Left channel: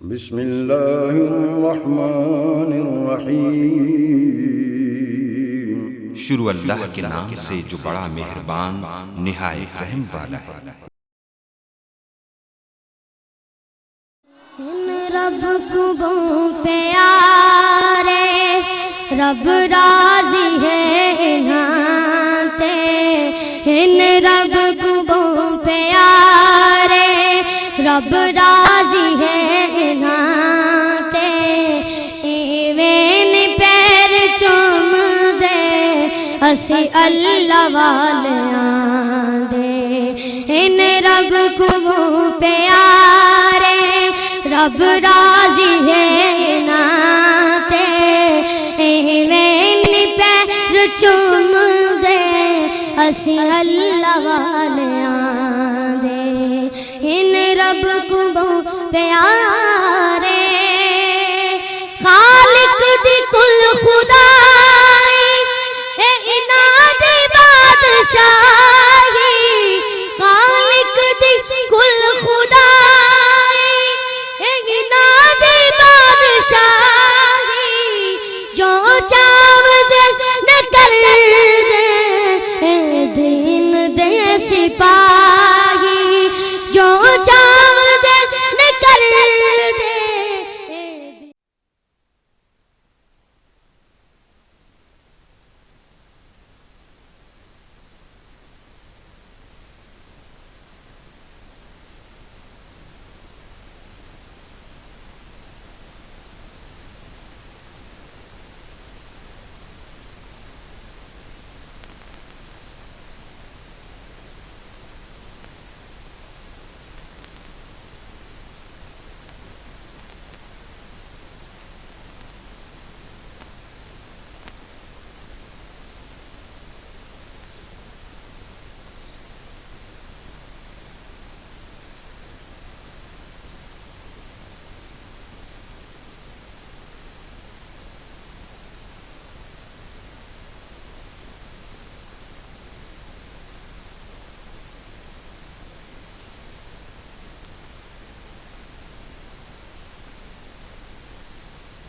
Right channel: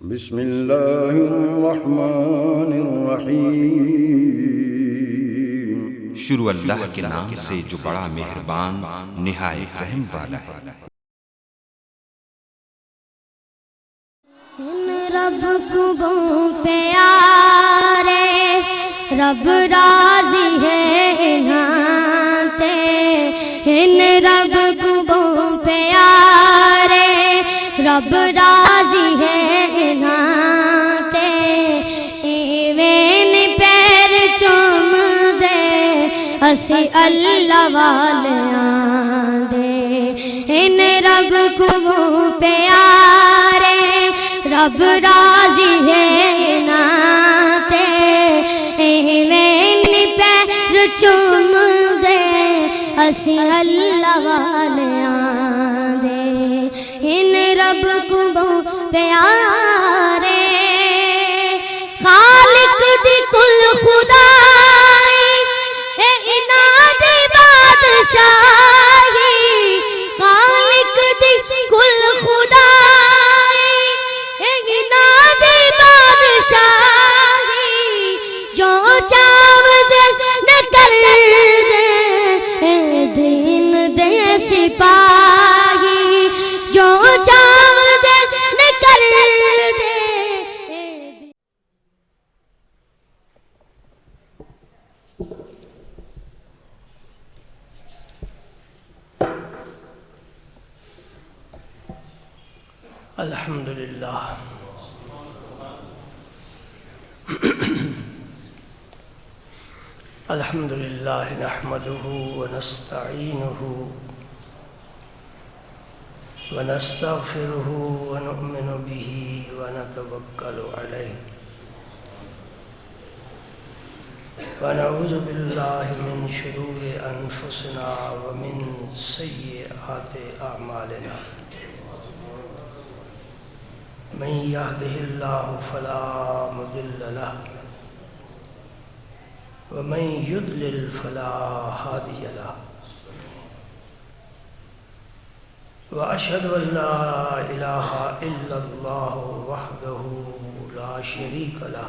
بسم اللہ الرحمن الرحیم۔ شروع اللہ کے نام سے جو بڑا مہربان نہایت رحم والا ہے۔ ان رب کو پیارے رب راضی ہے ناتے، ان رب کو پیارے رب راضی ہے ناتے، ایویں پیر چوم دے اسی اللہ والیاں دے، ان رب کو پیارے رب راضی ہے ناتے، ایویں پیر چوم دے اسی اللہ والیاں دے، ان رب کو پیارے خالق دی کل خدائی اے اناد بادشاہی، خالق دی کل خدائی اے اناد بادشاہی، جو چاو دے نہ کر دے اے دین دے سپاہی، جو چاو دے نہ کر دے۔ الحمدللہ الحمدللہ نحمده ونستعینه ونستغفره ونؤمن به ونتوکل علیہ، ونعوذ باللہ من شرور انفسنا ومن سیئات اعمالنا، من يهده الله فلا مضل له ومن يضلل فلا هادي له، وأشهد أن لا إله إلا الله وحده لا شريك له،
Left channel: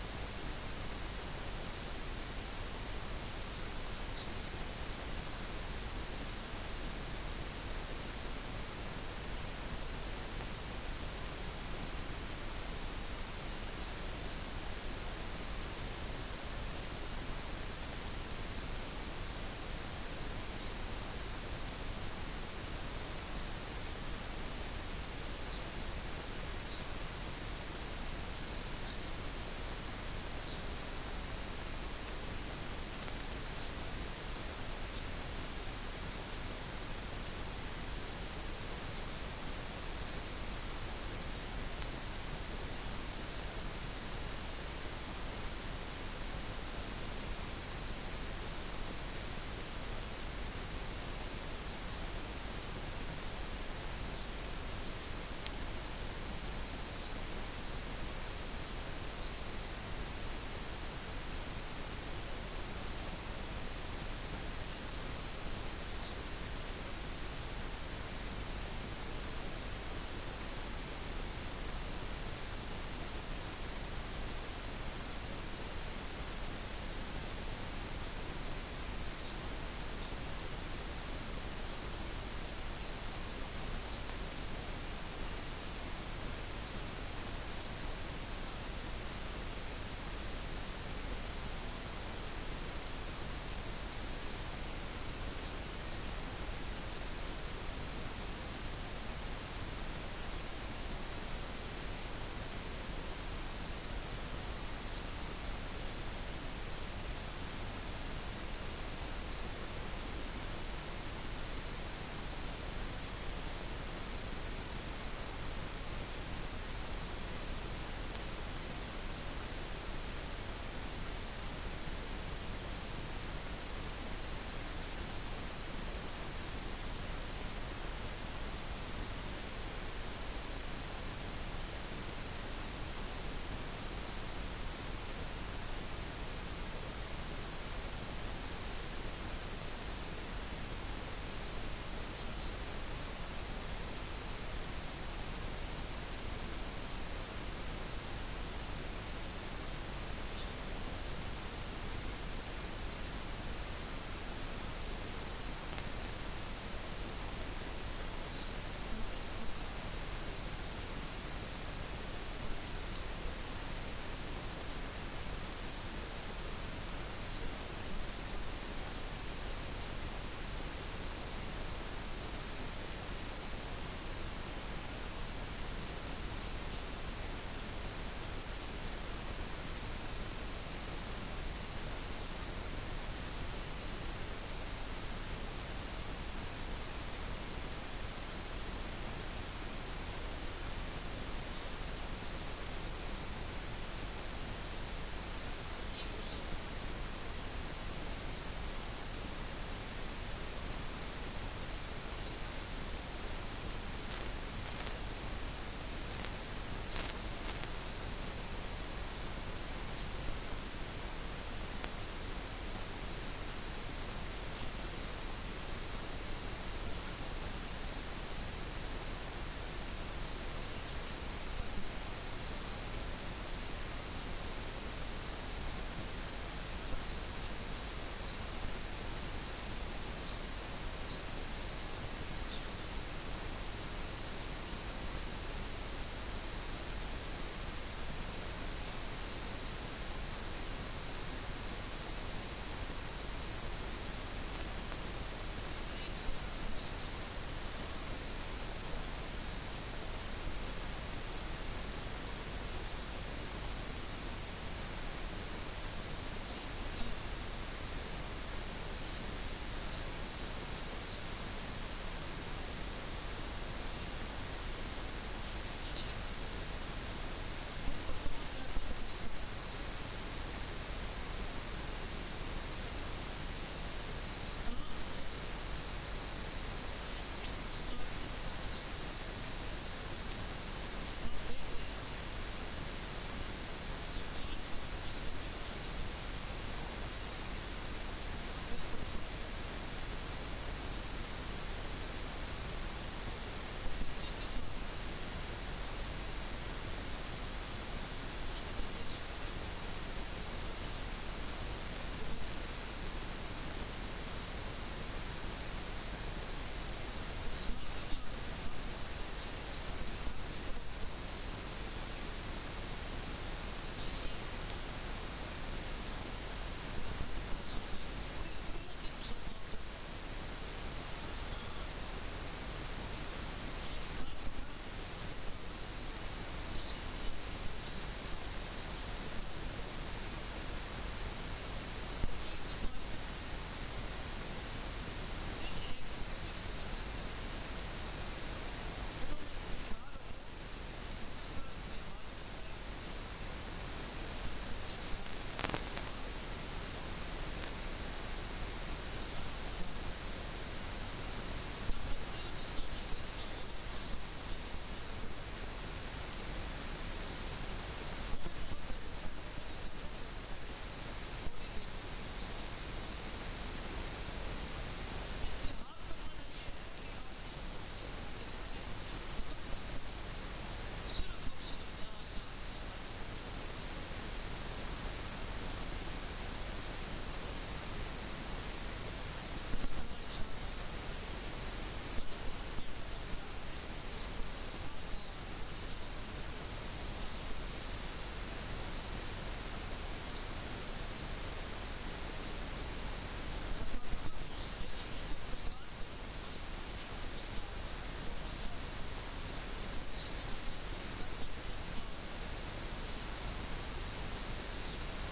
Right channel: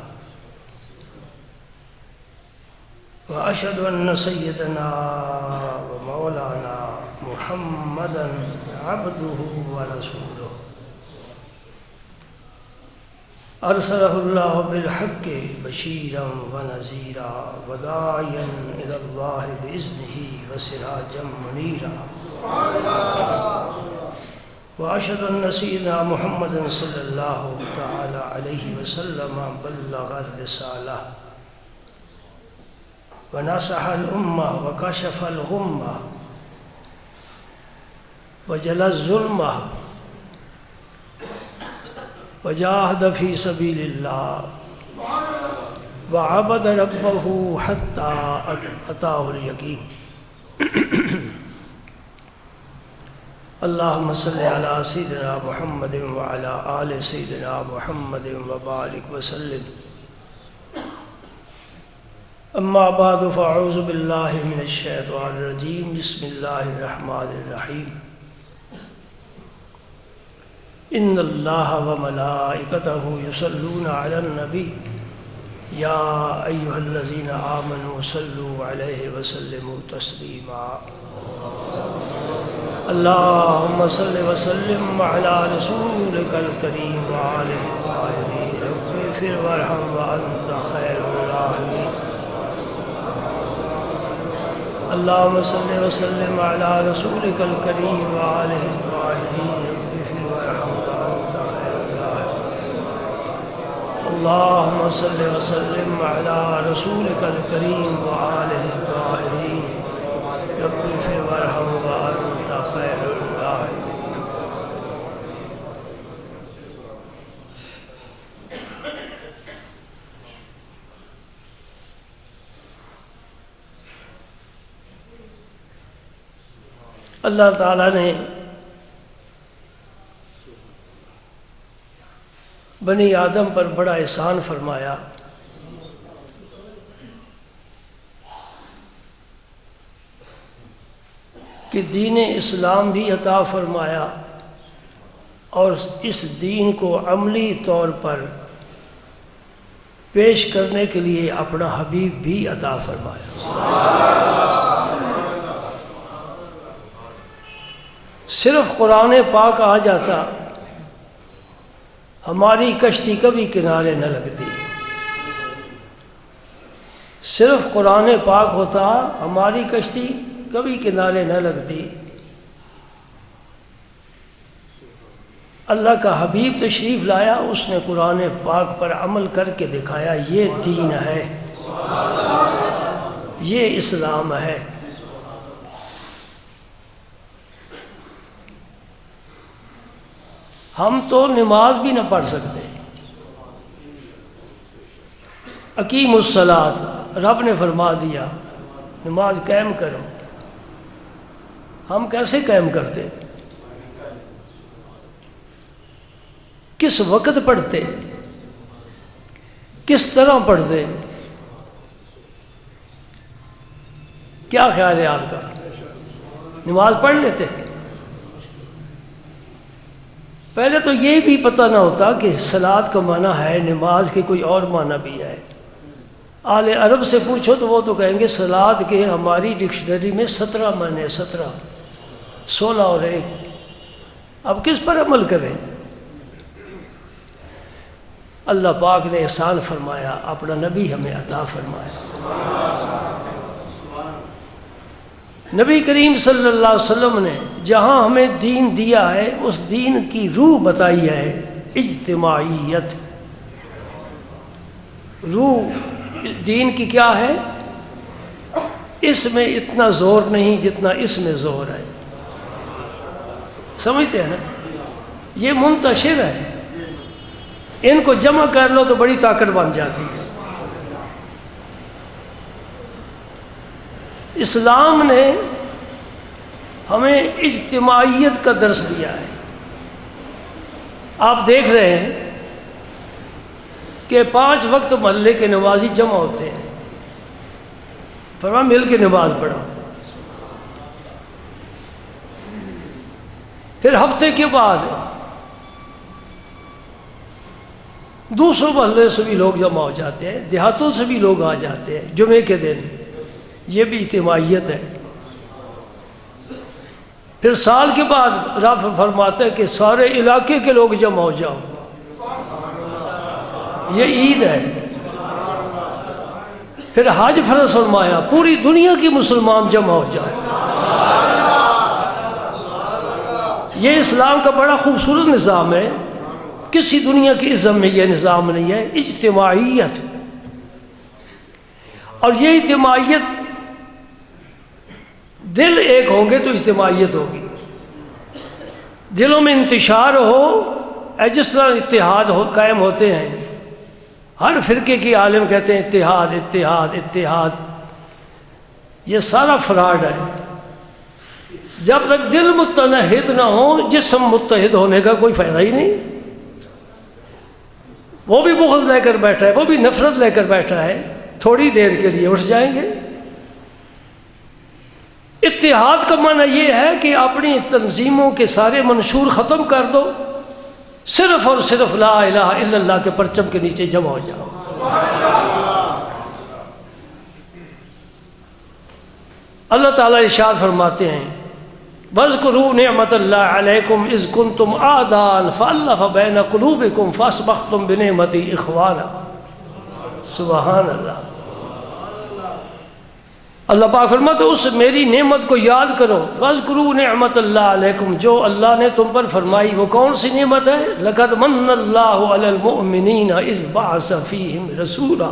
وأشهد أن سيدنا ومولانا محمدا عبده ورسوله، أرسله الله بالحق بشيرا ونذيرا وداعيا إلى الله بإذنه وسراجا منيرا، وأشهد أن سيدنا محمدا صلى الله تعالى عليه وسلم بلغ الرسالة ونصح الأمة وكشف الغمة وجلى الظلمة وجاهد في سبيل الله وعبد ربه حتى أتاه اليقين۔ اللهم صل على سيدنا محمد وعلى آل سيدنا محمد وبارك وسلم، أما بعد فأعوذ بالله من الشيطان الرجيم، بسم الله الرحمن الرحيم، إن الله وملائكته يصلون على النبي يا أيها الذين آمنوا صلوا عليه وسلموا تسليما، اللهم صل وسلم على رسولك الكريم وآله الطاهرين، رب اغفر وارحم وأنت خير الراحمين، اللهم صل وسلم على رسولك الكريم وآله الطاهرين، اللهم صل وسلم على رسولك الكريم وآله الطاهرين، رب اغفر وارحم وأنت خير الراحمين۔ اللہ تعالیٰ نے بنی آدم پر بڑا احسان فرمایا، کہ دین اسلام بھی عطا فرمایا اور اس دین کو عملی طور پر پیش کرنے کے لیے اپنا حبیب بھی عطا فرمایا۔ صرف قرآن پاک آ جاتا ہماری کشتی کبھی کنارے نہ لگتی، صرف قرآن پاک ہوتا ہماری کشتی کبھی کنارے نہ لگتی۔ اللہ کا حبیب تشریف لایا، اس نے قرآن پاک پر عمل کر کے دکھایا، یہ دین ہے، یہ اسلام ہے۔ ہم تو نماز بھی نہ پڑھ سکتے، اقیم الصلاۃ رب نے فرما دیا نماز قائم کرو، ہم کیسے قائم کرتے؟ کس وقت پڑھتے؟ کس طرح پڑھتے؟ کیا خیال ہے آپ کا؟ نماز پڑھ لیتے؟ پہلے تو یہ بھی پتہ نہ ہوتا کہ صلاۃ کا معنی ہے نماز کے کوئی اور معنی بھی ہے۔ اہل عرب سے پوچھو تو وہ تو کہیں گے صلاۃ کے ہماری ڈکشنری میں 17 معنی، 17، 16 اور 1۔ اب کس پر عمل کریں؟ اللہ پاک نے احسان فرمایا، اپنا نبی ہمیں عطا فرمایا۔ نبی کریم صلی اللہ علیہ وسلم نے جہاں ہمیں دین دیا ہے اس دین کی روح بتائی ہے، اجتماعیت۔ روح دین کی کیا ہے؟ اس میں اتنا زور نہیں جتنا اس میں زور ہے، سمجھتے ہیں نا؟ یہ منتشر ہے، ان کو جمع کر لو تو بڑی طاقت بن جاتی ہے۔ اسلام نے ہمیں اجتماعیت کا درس دیا ہے۔ آپ دیکھ رہے ہیں کہ 5 وقت محلے کے نمازی جمع ہوتے ہیں، فرما مل کے نماز پڑھو۔ پھر ہفتے کے بعد دوسروں محلے سے بھی لوگ جمع ہو جاتے ہیں، دیہاتوں سے بھی لوگ آ جاتے ہیں جمعے کے دن، یہ بھی اجتماعیت ہے۔ پھر سال کے بعد رب فرماتا ہے کہ سارے علاقے کے لوگ جمع ہو جاؤ، یہ عید ہے۔ پھر حج فرض فرمایا، پوری دنیا کی مسلمان جمع ہو جاؤ۔ یہ اسلام کا بڑا خوبصورت نظام ہے، کسی دنیا کی ازم میں یہ نظام نہیں ہے، اجتماعیت۔ اور یہ اجتماعیت، دل ایک ہوں گے تو اجتماعیت ہوگی، دلوں میں انتشار ہو، جس طرح اتحاد قائم ہوتے ہیں۔ ہر فرقے کی عالم کہتے ہیں اتحاد اتحاد اتحاد، یہ سارا فراڈ ہے۔ جب تک دل متحد نہ ہو، جسم متحد ہونے کا کوئی فائدہ ہی نہیں۔ وہ بھی بغض لے کر بیٹھا ہے، وہ بھی نفرت لے کر بیٹھا ہے، تھوڑی دیر کے لیے اٹھ جائیں گے۔ اتحاد کا معنی یہ ہے کہ اپنی تنظیموں کے سارے منشور ختم کر دو، صرف اور صرف لا الہ الا اللہ کے پرچم کے نیچے جمع ہو جاؤ۔ اللہ تعالیٰ ارشاد فرماتے ہیں وَاذْكُرُوا نِعْمَةَ اللَّهِ عَلَيْكُمْ إِذْ كُنْتُمْ أَعْدَاءً فَأَلَّفَ بَيْنَ قُلُوبِكُمْ فَأَصْبَحْتُمْ بِنِعْمَتِهِ إِخْوَانًا۔ سبحان اللہ۔ اللہ پاک فرماتے اس میری نعمت کو یاد کرو، وَاذْكُرُوا نِعْمَةَ اللَّهِ عَلَيْكُمْ، جو اللہ نے تم پر فرمائی۔ وہ کون سی نعمت ہے؟ لَقَدْ مَنَّ اللَّهُ عَلَى الْمُؤْمِنِينَ إِذْ بَعَثَ فِيهِمْ رَسُولًا۔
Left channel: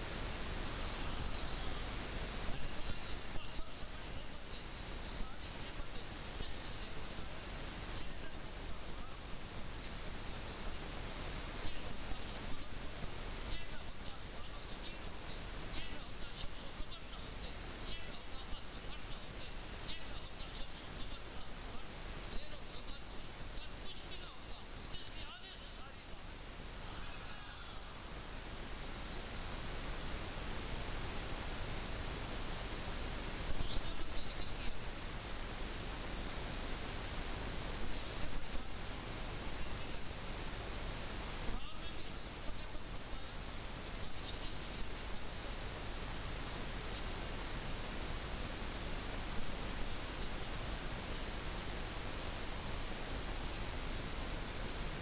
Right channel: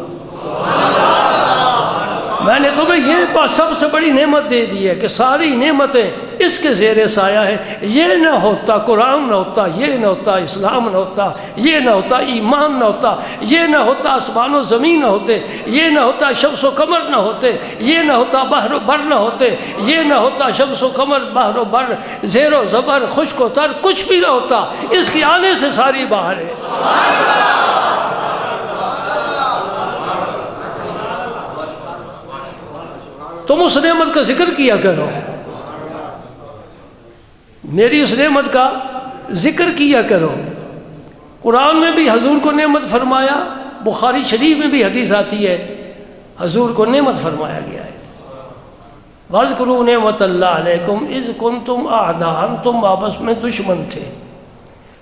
میں نے تمہیں یہ سب سے بڑی نعمت دے دی ہے کہ ساری نعمتیں اس کے زیر سایہ ہیں۔ یہ نہ ہوتا قرآن نہ ہوتا، یہ نہ ہوتا اسلام نہ ہوتا، یہ نہ ہوتا ایمان نہ ہوتا، یہ نہ ہوتا آسمان و زمین نہ ہوتے، یہ نہ ہوتا شمس و قمر نہ ہوتے، یہ نہ ہوتا بحر و بر نہ ہوتے، یہ نہ ہوتا شمس و قمر بحر و بر زیر و زبر خشک و تر، کچھ بھی نہ ہوتا، اس کے آنے سے ساری بہار ہے۔ تم اس نعمت کا ذکر کیا کرو، میری اس نعمت کا ذکر کیا کرو۔ قرآن میں بھی حضور کو نعمت فرمایا، بخاری شریف میں بھی حدیث آتی ہے حضور کو نعمت فرمایا گیا ہے۔ وَاذْكُرُوا نِعْمَتَ اللَّهِ عَلَيْكُمْ إِذْ كُنْتُمْ أَعْدَاءً، تم آپس میں دشمن تھے،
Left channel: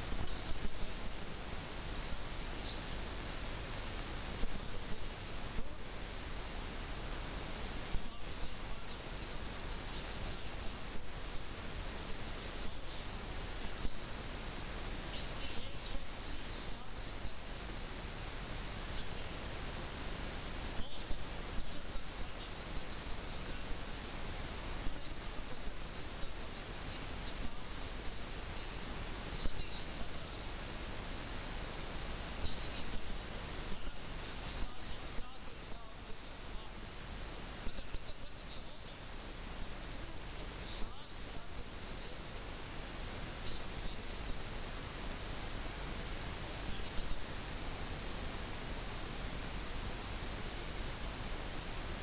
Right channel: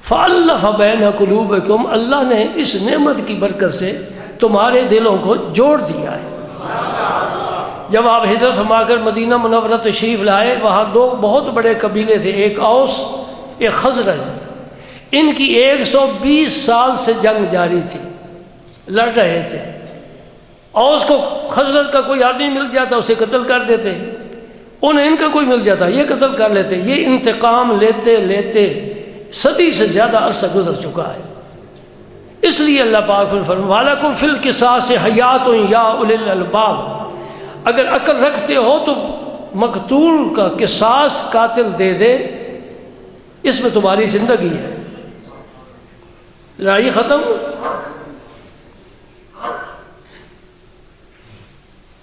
فَأَلَّفَ بَيْنَ قُلُوبِكُمْ، اللہ نے اس نعمت کی برکت سے تمہارے دلوں کو جوڑ دیا ہے۔ جب آپ ہجرت فرما کر مدینہ منورہ تشریف لائے، وہاں دو بہت بڑے قبیلے تھے، ایک اوس ایک خزرج۔ ان کی 120 سال سے جنگ جاری تھی، لڑ رہے تھے۔ اوس کو خزرج کا کوئی آدمی مل جاتا اسے قتل کر دیتے، انہیں ان کا کوئی مل جاتا یہ قتل کر لیتے۔ یہ انتقام لیتے لیتے صدی سے زیادہ عرصہ گزر چکا ہے۔ اس لیے اللہ پاک نے فرمایا وَلَكُمْ فِي الْقِصَاصِ حَيَاةٌ يَا أُولِي الْأَلْبَابِ، اگر عقل رکھتے ہو تو مقتول کا قصاص قاتل دے دے، اس میں تمہاری زندگی ہے۔ لڑائی ختم،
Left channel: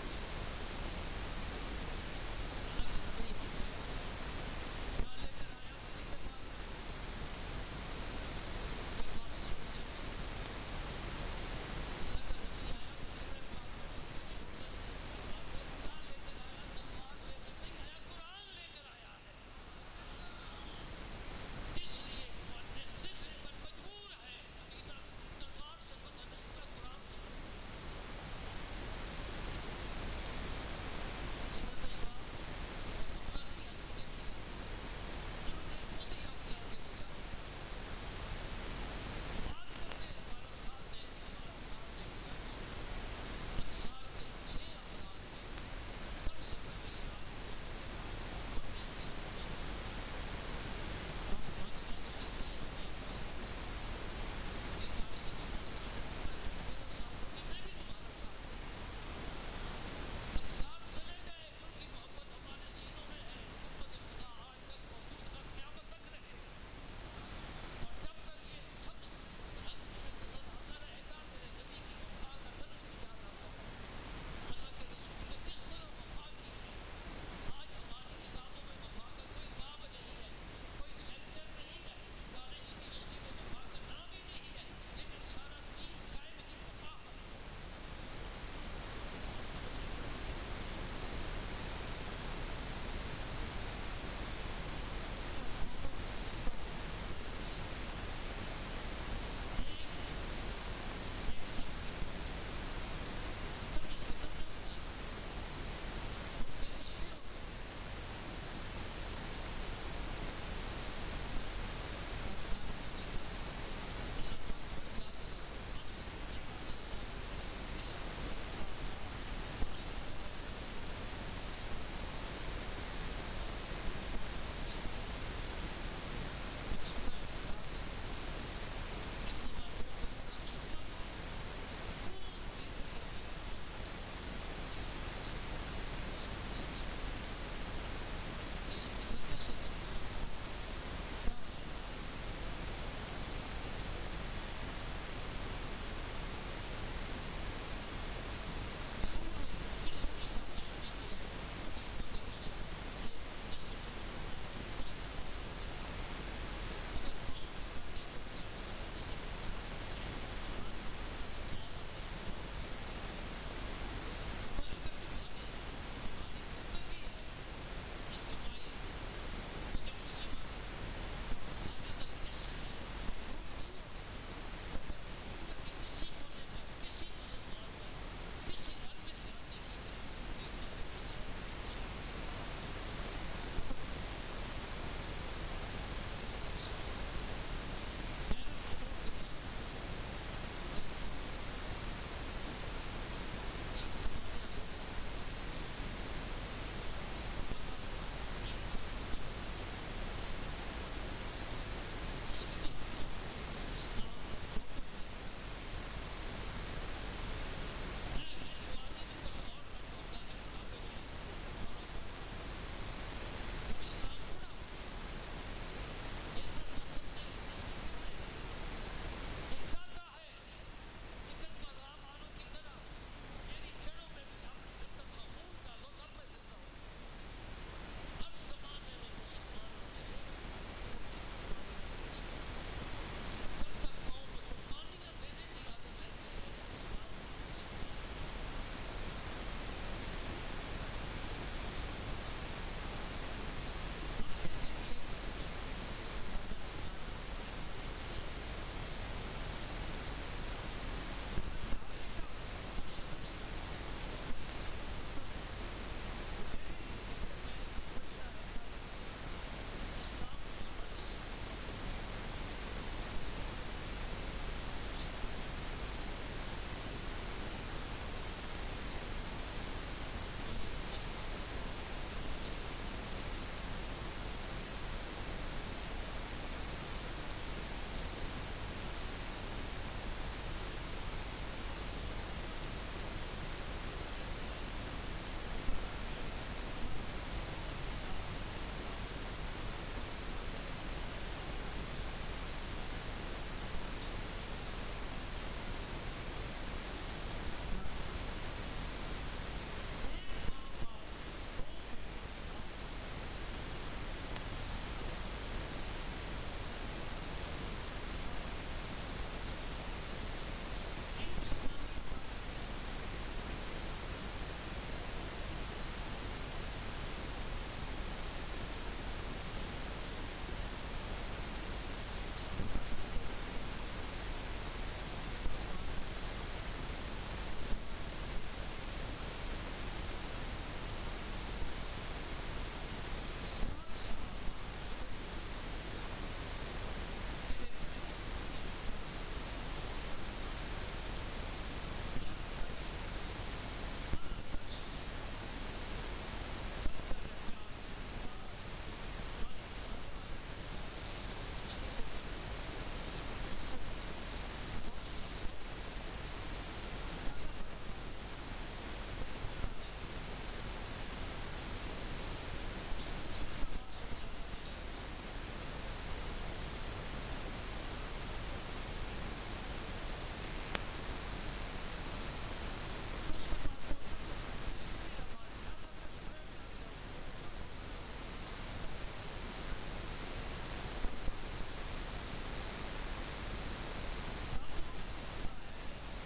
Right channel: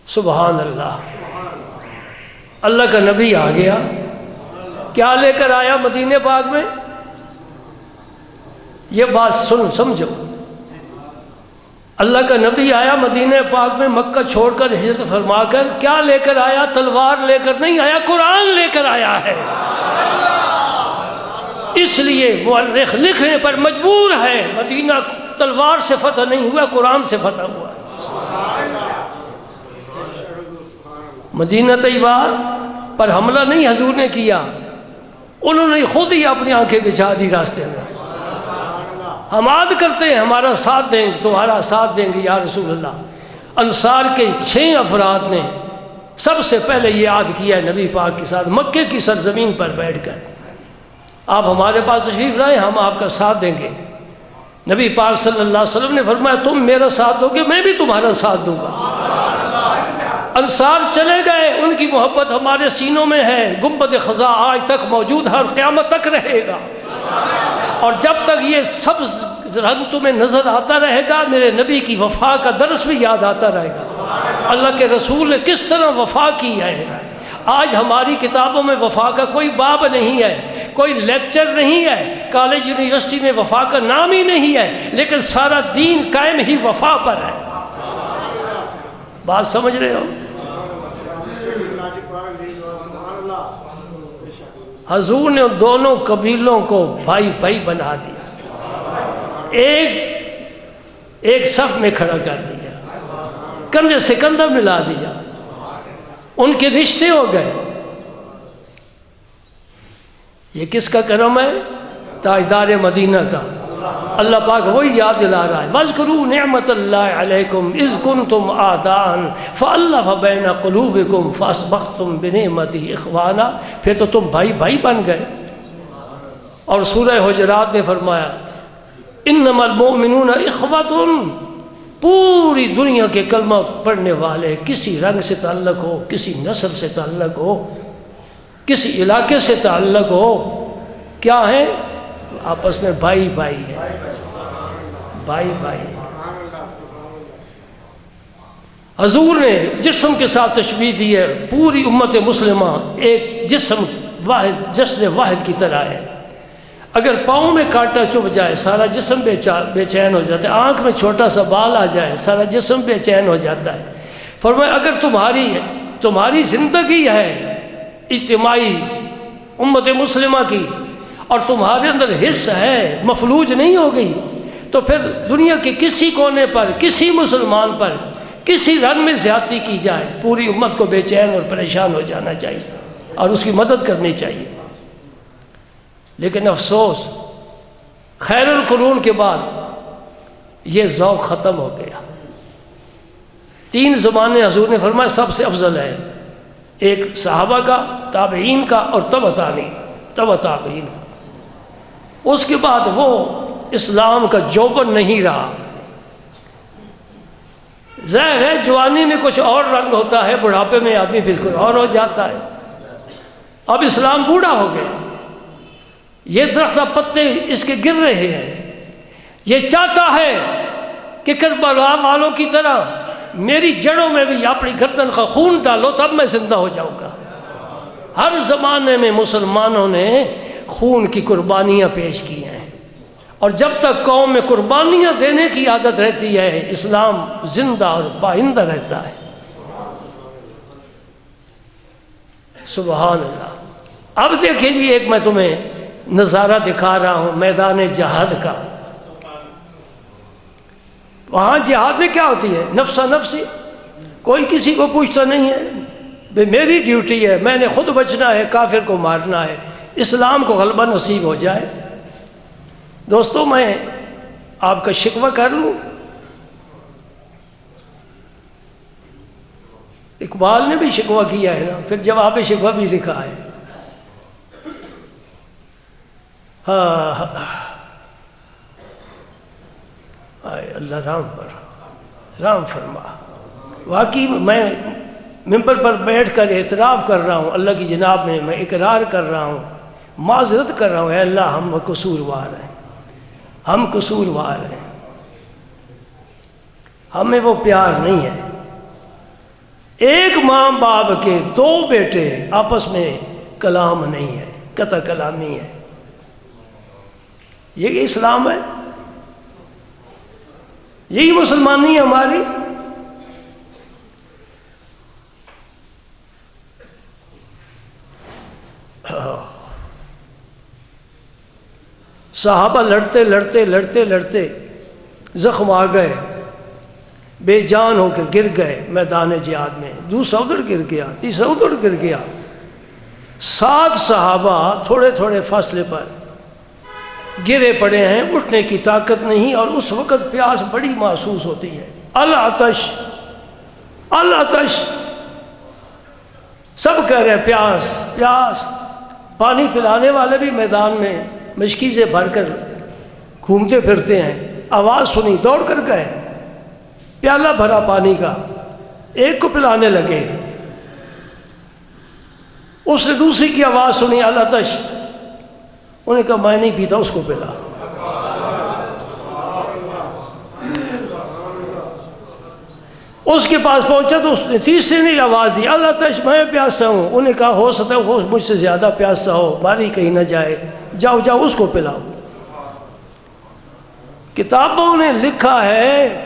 سبحان اللہ۔ اللہ کا نبی آ گیا، کیا لے کر آیا مدینہ پاک میں؟ یہ بات سمجھو، اللہ کا نبی آیا مدینہ پاک میں، مکہ چھوڑ کر ہجرت فرما کر، کیا لے کر آیا؟ تلوار لے کر نہیں آیا، قرآن لے کر آیا ہے۔ اس لیے مورخ لکھنے پر مجبور ہے، مدینہ تلوار سے فتح نہیں ہوا، قرآن سے فتح ہوا۔ مدینہ طیبہ پر حملہ نہیں حضور نے کیا، انہوں نے خود ہی اپنی آنکھیں بچھا دی راستے میں۔ ہم عاد کرتے ہیں ہمارا ساتھ دیں گے، تمہارا ساتھ دیں گے یا رسول اللہ۔ انصار کے 6 افراد نے سب سے پہلے یہ عہد کیا ہے نبی پاک کے ساتھ، مکے کی سرزمین پر بیٹھ کر، آپ ہمارے پاس تشریف لائیں، ہم آپ کا ساتھ دیں گے۔ نبی پاک صلی اللہ علیہ وسلم نے فرمایا تم میرا ساتھ دو گے، میں بھی تمہارا ساتھ دوں گا۔ انصار چلے گئے، ان کی محبت ہمارے سینوں میں ہے، گنبد خزا آج تک موجود ہے اور قیامت تک رہے گا۔ اور جب تک یہ سبز رنگ تمہیں نظر آتا رہے گا، میرے نبی کی وفا کا درس بھی یاد آتا رہے گا، اللہ کے رسول نے کس طرح وفا کی ہے۔ آج ہماری کتابوں میں وفا کا کوئی باب نہیں ہے، کوئی لیکچر نہیں ہے، کالج یونیورسٹی میں وفا کا نام ہی نہیں ہے، لیکن سارا دین قائم ہی وفا پر ہے۔ بات سمجھ رہے ہو؟ حضور نے دونوں قبیلوں کو بھائی بھائی بنا دیا، ایک صف میں کھڑا کر دیا، کندھے سے کندھا ملا دیا، ان کے رشتے ہو گئے۔ یہ کس کا کرم ہے؟ تاجدار مدینہ کا۔ اللہ پاک وہی یاد دلا رہا ہے وَاذْكُرُوا نِعْمَةَ اللَّهِ عَلَيْكُمْ إِذْ كُنْتُمْ أَعْدَاءً فَأَلَّفَ بَيْنَ قُلُوبِكُمْ فَأَصْبَحْتُمْ بِنِعْمَتِهِ إِخْوَانًا، پھر تو تم بھائی بھائی بن گئے۔ اور سورہ حجرات میں فرمایا إِنَّمَا الْمُؤْمِنُونَ إِخْوَةٌ، پوری دنیا کے کلمہ پڑھنے والے کسی رنگ سے تعلق ہو، کسی نسل سے تعلق ہو، کسی علاقے سے تعلق ہو، کیا ہے؟ آپس میں بھائی بھائی ہے، بھائی بھائی۔ حضور نے جسم کے ساتھ تشبیہ دی ہے، پوری امت مسلمہ ایک جسم واحد، جسم واحد کی طرح ہے۔ اگر پاؤں میں کانٹا چبھ جائے سارا جسم بے چین ہو جاتا ہے، آنکھ میں چھوٹا سا بال آ جائے سارا جسم بے چین ہو جاتا ہے۔ فرمایا اگر تمہاری زندگی ہے اجتماعی امت مسلمہ کی، اور تمہارے اندر حص ہے، مفلوج نہیں ہو گئی، تو پھر دنیا کے کسی کونے پر، کسی مسلمان پر کسی رنگ میں زیادتی کی جائے، پوری امت کو بے چین اور پریشان ہو جانا چاہیے اور اس کی مدد کرنی چاہیے۔ لیکن افسوس خیر القرون کے بعد یہ ذوق ختم ہو گیا۔ 3 زمانے حضور نے فرمایا سب سے افضل ہے، ایک صحابہ کا، تابعین کا اور تبع تابعین۔ اس کے بعد وہ اسلام کا جوبن نہیں رہا۔ ظاہر ہے جوانی میں کچھ اور رنگ ہوتا ہے، بڑھاپے میں آدمی بالکل اور ہو جاتا ہے۔ اب اسلام بوڑھا ہو گیا، یہ درخت پتے اس کے گر رہے ہیں، یہ چاہتا ہے کہ کربلا والوں کی طرح میری جڑوں میں بھی اپنی گردن کا خون ڈالو تب میں زندہ ہو جاؤں گا۔ ہر زمانے میں مسلمانوں نے خون کی قربانیاں پیش کی ہیں، اور جب تک قوم میں قربانیاں دینے کی عادت رہتی ہے اسلام زندہ اور پائندہ رہتا ہے۔ سبحان اللہ۔ اب دیکھیں جی، ایک میں تمہیں نظارہ دکھا رہا ہوں میدان جہاد کا۔ وہاں جہاد میں کیا ہوتی ہے؟ نفسا نفسی، کوئی کسی کو پوچھتا نہیں ہے، بھئی میری ڈیوٹی ہے، میں نے خود بچنا ہے، کافر کو مارنا ہے، اسلام کو غلبہ نصیب ہو جائے۔ دوستو، میں آپ کا شکوہ کر لوں، اقبال نے بھی شکوہ کیا ہے نا، پھر جواب شکوہ بھی لکھا ہے۔ اللہ رحم فرما۔ واقعی میں ممبر پر بیٹھ کر اعتراف کر رہا ہوں اللہ کی جناب میں اقرار کر رہا ہوں، معذرت کر رہا ہوں، اے اللہ ہم قصوروار ہیں، ہم قصوروار ہیں، ہمیں وہ پیار نہیں ہے۔ ایک ماں باپ کے دو بیٹے آپس میں کلام نہیں ہے، قطع کلامی ہے۔ یہ اسلام ہے؟ یہی مسلمانی ہے ہماری؟ صحابہ لڑتے لڑتے لڑتے لڑتے زخم آ گئے، بے جان ہو کر گر گئے میدان جہاد میں، دوسرا ادھر گر گیا، تیسرا ادھر گر گیا۔ 7 صحابہ تھوڑے تھوڑے فاصلے پر گرے پڑے ہیں، اٹھنے کی طاقت نہیں، اور اس وقت پیاس بڑی محسوس ہوتی ہے۔ العطش العطش، سب کہہ رہے ہیں پیاس پیاس۔ پانی پلانے والے بھی میدان میں مشکیزیں بھر کر گھومتے پھرتے ہیں، آواز سنی دوڑ کر گئے، پیالہ بھرا پانی کا، ایک کو پلانے لگے، اس نے دوسری کی آواز سنی العطش، انہوں نے کہا میں نہیں پیتا، اس کو پلا۔ اس کے پاس پہنچا تو اس نے تیسرے نے آواز دی العطش، میں پیاسا ہوں۔ انہوں نے کہا ہو سکتا ہے وہ مجھ سے زیادہ پیاسا ہو، باری کہیں نہ جائے، جاؤ جاؤ اس کو پلاؤ۔ کتابوں نے لکھا ہے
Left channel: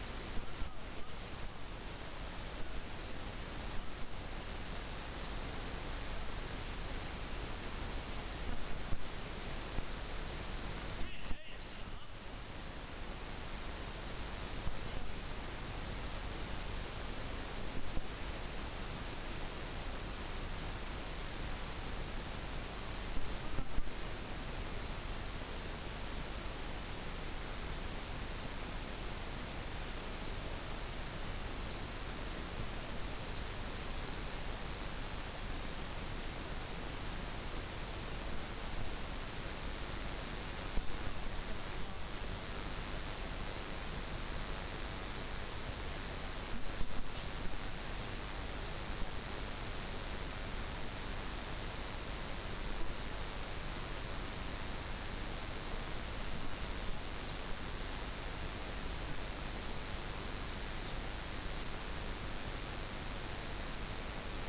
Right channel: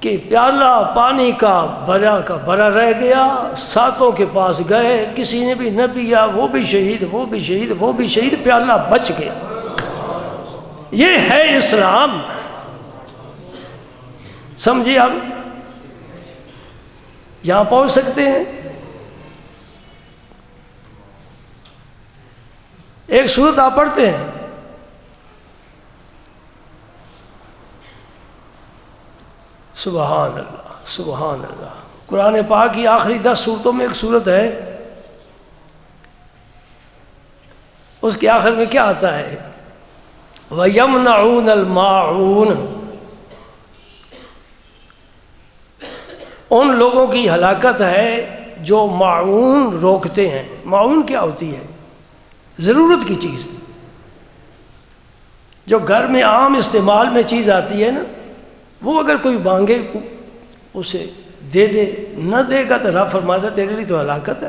کہ پیالہ پانی کا بھرا رہ گیا، 7 کے پاس گئے، کسی نے بھی نہ پیا، وہ بھی شہید، وہ بھی شہید، وہ بھی شہید، پیالہ بچ گیا۔ یہ ہے اسلام، سمجھے؟ آپ یہاں پہنچ سکتے ہیں۔ ایک سورت آپ پڑھتے ہیں، سبحان اللہ سبحان اللہ۔ قرآن پاک کی آخری 10 سورتوں میں ایک سورت ہے، اس کے آخر میں کیا آتا ہے؟ وَيَمْنَعُونَ الْمَاعُونَ، ان لوگوں کی ہلاکت ہے جو معون روکتے ہیں۔ معون کیا ہوتی ہے؟ ضرورت کی چیز، جو گھر میں عام استعمال میں چیز آتی ہے نا، وہ اگر کوئی مانگے اسے دے دے، نہ دے گا تو رب فرماتا تیرے لیے تو ہلاکت ہے۔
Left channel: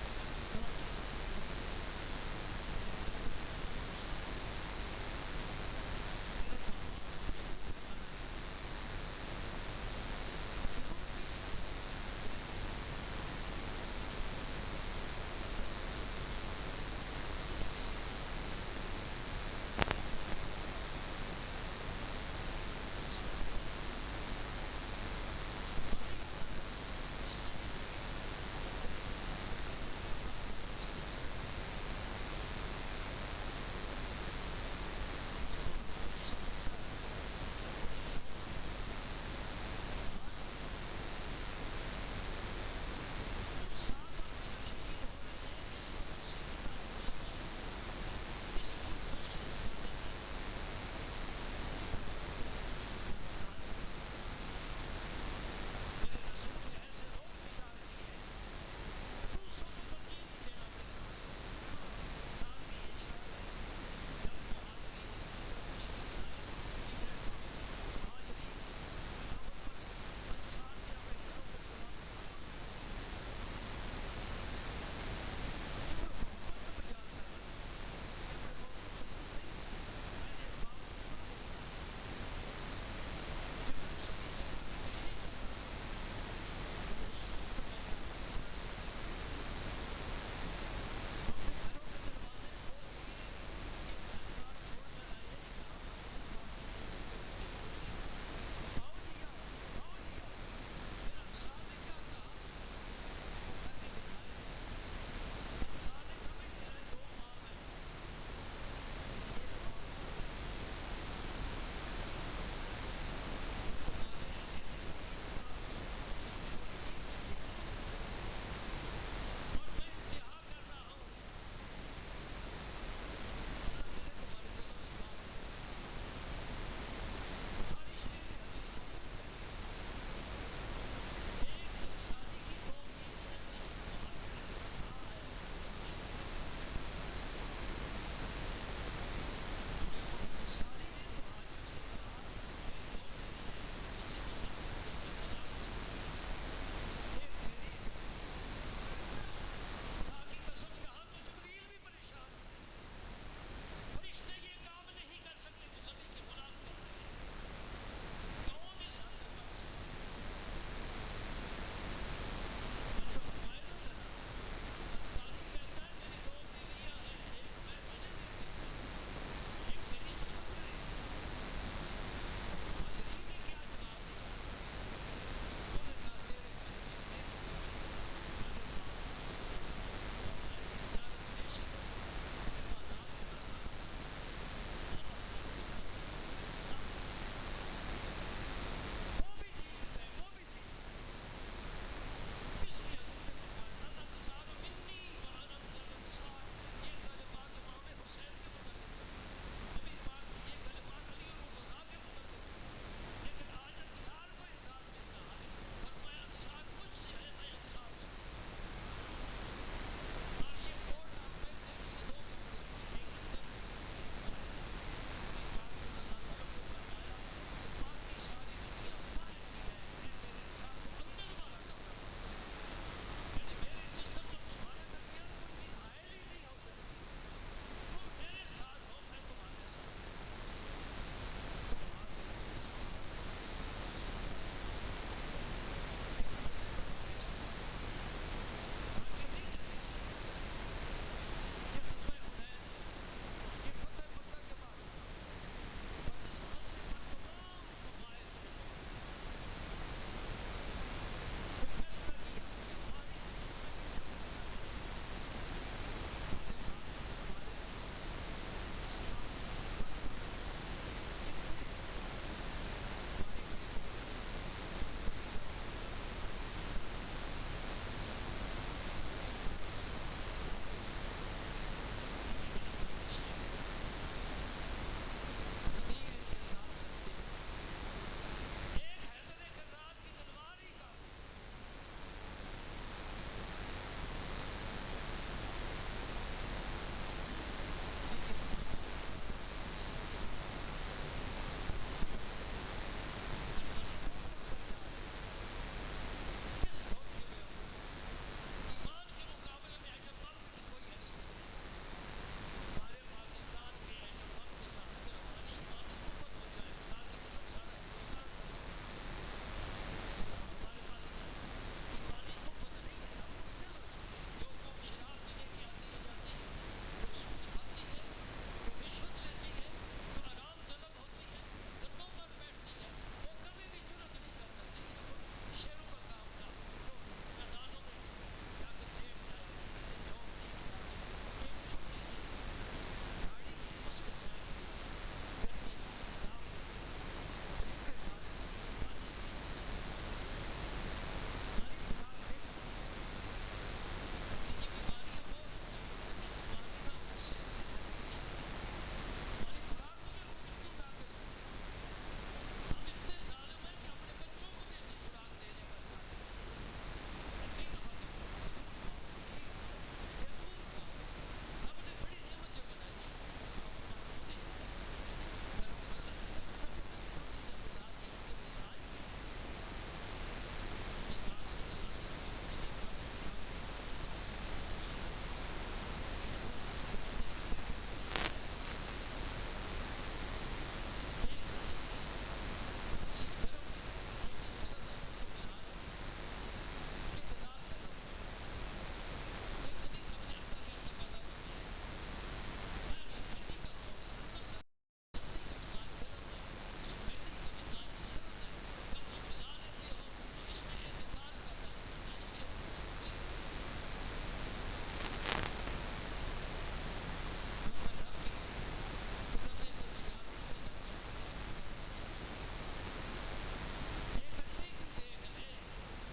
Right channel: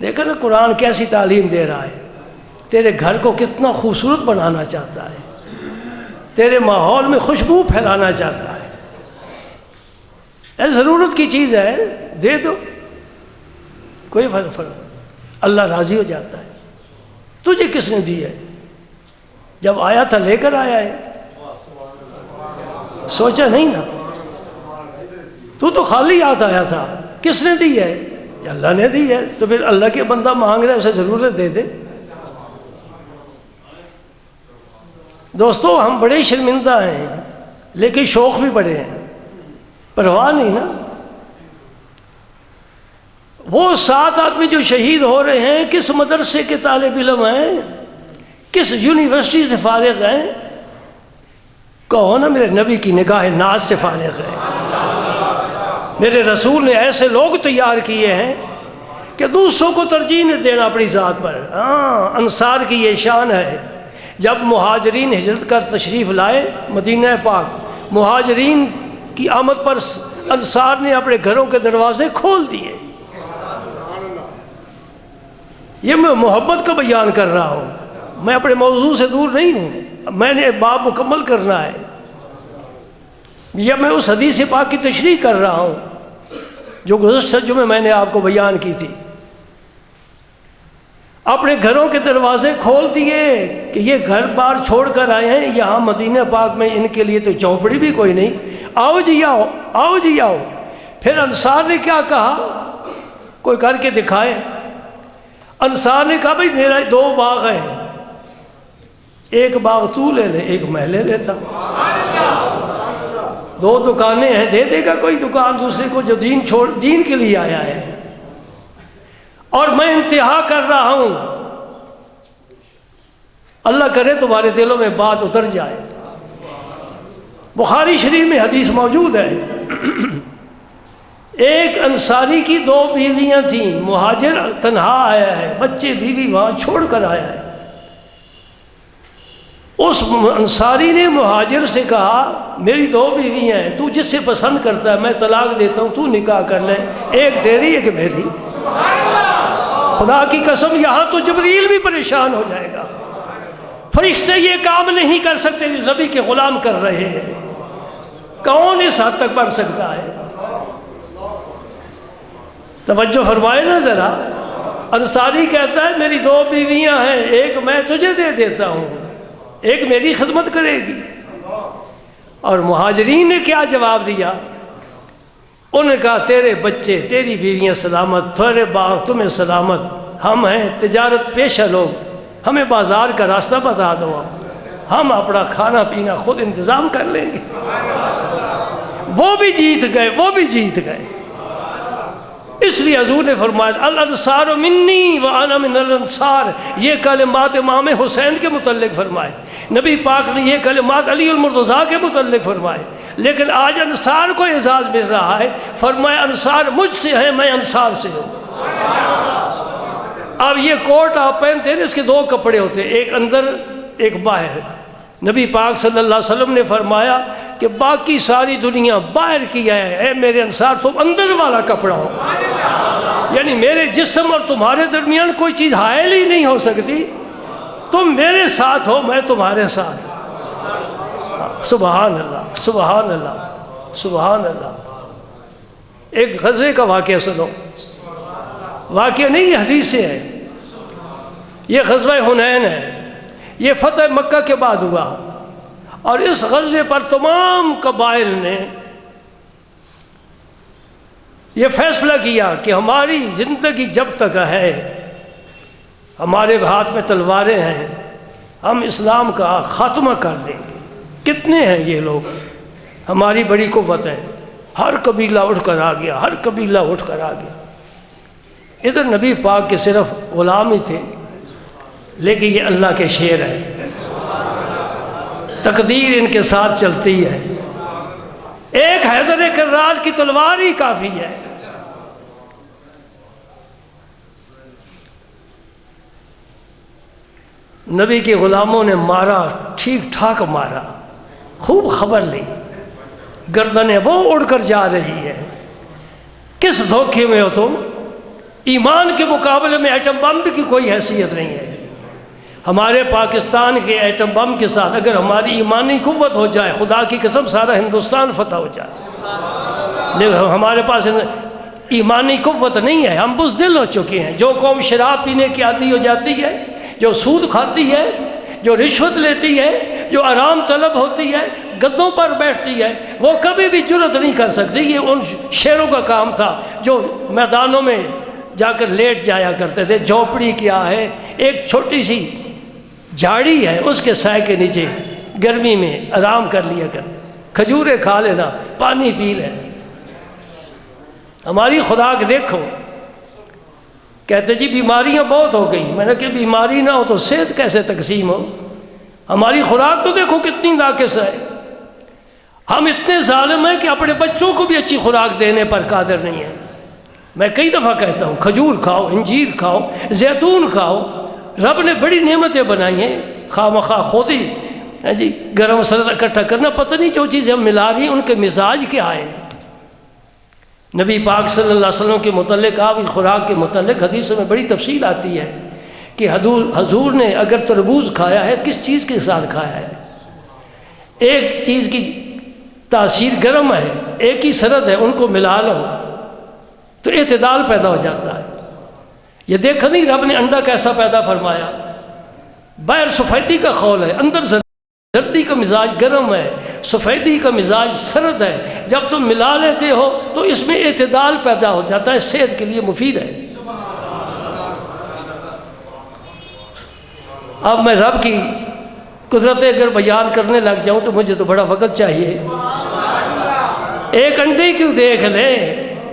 دیکھو نا قرآن کیسی تعلیم دے رہا ہے، تیرے گھر کو کتنا خوبصورت بنانا چاہتا ہے، تیرے ماحول میں خوشبو پھیلانا چاہتا ہے۔ اے ضرورت کی چیز ہے، دے دو، کوئی فرق اللہ راضی ہو جاتا ہے۔ تجھے کس نے دی ہے؟ جب آیا تھا لے کر آیا ہے، سوچا نہیں نا، تو خالی ہاتھ آیا تھا، کس نے دی ہے؟ اللہ نے دی ہے، تو پھر اللہ کے بندہ مانگ رہا ہے، اسے ضرورت دے دے۔ دوستو ہم بڑے شرمندہ ہیں، لیکن شوق بھی بڑے ہیں، پرواہ نہیں نا۔ وہ 7 آدمی جو شہید ہو رہے ہیں کس مدرسے کے طالب علم ہیں، کس یونیورسٹی سے فارغ ہیں؟ کہو نا میرے نبی کی نگاہ ناز سے فارغ ہے۔ میرے رسول نے ایسے لوگ تیار کیے ہیں کہ دوسروں کو ترجیح نہیں دینا اپنی ذات پر۔ ہاں، انصار کی یہ شان ہے، جب مہاجرین ہجرت کر تشریف لائے مدینہ پاک، مہاجرین کی آمد پر انصار نے اپنے گھروں کے دروازے کھول دیے۔ یہ میں محبت کا بیان کر رہا ہوں، میں اپنے موضوع سے دور نہیں ہوں، میں نے باب مکمل کرنا ہے، یا میں اس حدیث پاک کی تشریح کر رہا ہوں جو گزشتہ جمعے میں نے آپ کو بیان کی تھی۔ اپنے گھروں کے دروازے کھول دیے کہ یہ گھر بار چھوڑ کر آئے ہیں، یہاں مدینہ پاک میں ان کے لیے تو چوپڑی بھی کوئی نہیں، آؤ جی آؤ، آؤ جی آؤ۔ پھر انصار نے کیا کہا؟ کوئی کر کے دکھائے۔ انصار نے کہا بھائی میرا 2 باغ ہیں، ایک باغ تو لے لے، ایک میں لے لیتا ہوں۔ 2 دکانیں ہیں، دے دے گا کوئی دکان دوسرے کو جو دین کے لیے آیا ہے۔ اور میں انتہا کر رہا ہوں، اللہ کرے تمہارے دلوں میں بات اتر جائے۔ بخاری شریف میں حدیث موجود ہے، ایک انصاری کی 2 بیویاں تھیں، مہاجر تنہا آیا ہے، بچے بیوی وہاں چھوڑ کر آیا ہے۔ اس انصاری نے مہاجر سے کہا میری 2 بیویاں ہیں، تو جس سے پسند کرتا ہے میں طلاق دیتا ہوں، تو نکاح کر لے، ایک تیری ایک میری۔ خدا کی قسم یہاں تو جبریل بھی پریشان ہو جائے گا، فرشتے یہ کام نہیں کر سکتے جو نبی کے غلام کر رہے ہیں، کون اس حد تک پڑھ سکتا ہے؟ توجہ فرمائے نا ذرا۔ انصاری کہتا ہے میری 2 بیویاں ہیں، ایک میں تجھے دے دیتا ہوں، ایک میری خدمت کرے گی۔ اور مہاجرین نے کیا جواب دیا؟ انہوں نے کہا تیرے بچے تیری بیویاں سلامت، تیرے باغ تمہیں سلامت، ہم ہیں تجارت پیشہ لوگ، ہمیں بازار کا راستہ بتا دو، ہم اپنا کھانا پینا خود انتظام کر لیں گے۔ وہ بھی جیت گئے، وہ بھی جیت گئے۔ اس لیے حضور نے فرمایا الانصار منی وانا من الانصار، یہ کلمات امام حسین کے متعلق فرمائے۔ نبی پاک نے یہ کلمات علی المرتضیٰ کے متعلق فرمائے، لیکن آج انصار کو اعزاز مل رہا ہے، فرمایا انصار مجھ سے ہیں، میں انصار سے ہوں۔ اب یہ کوٹ آپ پہنتے ہیں، اس کے 2 کپڑے ہوتے ہیں، ایک اندر ایک باہر۔ نبی پاک صلی اللہ علیہ وسلم نے فرمایا کہ باقی ساری دنیا باہر کی ہے، اے میرے انصار تم اندر والا کپڑا ہو، یعنی میرے جسم اور تمہارے درمیان کوئی چیز حائل ہی نہیں ہو سکتی، تم میرے ساتھ ہو، میں تمہارے ساتھ۔ سبحان اللہ، سبحان اللہ، سبحان اللہ۔ ایک غزوے کا واقعہ سنو، واقعہ نہیں یہ حدیث سے ہے، یہ غزوہ حنین ہے، یہ فتح مکہ کے بعد ہوا، اور اس غزوے پر تمام قبائل نے یہ فیصلہ کیا کہ ہماری زندگی جب تک ہے، ہمارے ہاتھ میں تلواریں ہیں، ہم اسلام کا خاتمہ کر دیں گے۔ کتنے ہیں یہ لوگ؟ ہماری بڑی قوت ہے، ہر قبیلہ اٹھ کر آ گیا، ہر قبیلہ اٹھ کر آ گیا۔ ادھر نبی پاک کے صرف غلام ہی تھے، لیکن یہ اللہ کے شعر ہے، تقدیر ان کے ساتھ چلتی ہے، ایک حیدر کرار کی تلوار ہی کافی ہے۔ نبی کے غلاموں نے مارا، ٹھیک ٹھاک مارا، خوب خبر لی، گردنیں وہ اڑ کر جا رہی ہے۔ کس دھوکے میں ہو تم؟ ایمان کے مقابلے میں ایٹم بم کی کوئی حیثیت نہیں ہے۔ ہمارے پاکستان کے ایٹم بم کے ساتھ اگر ہماری ایمانی قوت ہو جائے، خدا کی قسم سارا ہندوستان فتح ہو جائے، لیکن ہمارے پاس ایمانی قوت نہیں ہے، ہم بزدل ہو چکے ہیں۔ جو قوم شراب پینے کی عادی ہو جاتی ہے، جو سود کھاتی ہے، جو رشوت لیتی ہے، جو آرام طلب ہوتی ہے، گدوں پر بیٹھتی ہے، وہ کبھی بھی جرت نہیں کر سکتی۔ یہ ان شیروں کا کام تھا جو میدانوں میں جا کر لیٹ جایا کرتے تھے۔ جھونپڑی کیا ہے؟ ایک چھوٹی سی جھاڑی ہے، اس کے سائے کے نیچے گرمی میں آرام کر لیا کر، کھجوریں کھا لینا، پانی پی لینا۔ ہماری خدا کے دیکھو، کہتے جی بیماریاں بہت ہو گئی، میں نے کہ بیماری نہ ہو تو صحت کیسے تقسیم ہو؟ ہماری خوراک تو دیکھو کتنی ناقص ہے۔ ہم اتنے ظالم ہیں کہ اپنے بچوں کو بھی اچھی خوراک دینے پر قادر نہیں ہیں۔ میں کئی دفعہ کہتا ہوں کھجور کھاؤ، انجیر کھاؤ، زیتون کھاؤ، رب نے بڑی نعمتیں بنائی ہیں، خواہ مخواہ خود ہی جی گرم مسئلہ اکٹھا کرنا، پتہ نہیں جو چیزیں ہم ملا رہی ہیں ان کے مزاج کیا ہیں۔ نبی پاک صلی اللہ علیہ وسلم کے متعلق، آپ کی خوراک کے متعلق حدیثوں میں بڑی تفصیل آتی ہے کہ حضور نے اگر تربوز کھایا ہے کس چیز کے ساتھ کھایا ہے؟ ایک چیز کی تاثیر گرم ہے، ایک ہی سرد ہے، ان کو ملا لو تو اعتدال پیدا ہو جاتا ہے۔ یہ دیکھا نہیں رب نے انڈا کیسا پیدا فرمایا؟ باہر سفیدی کا خول ہے، اندر زردی کا مزاج گرم ہے، سفیدی کا مزاج سرد ہے، جب تم ملا لیتے ہو تو اس میں اعتدال پیدا ہو جاتا ہے، صحت کے لیے مفید ہے۔ اب میں رب کی قدرتیں اگر بیان کرنے لگ جاؤں تو مجھے تو بڑا وقت چاہیے۔ ایک انڈے کیوں دیکھ لے،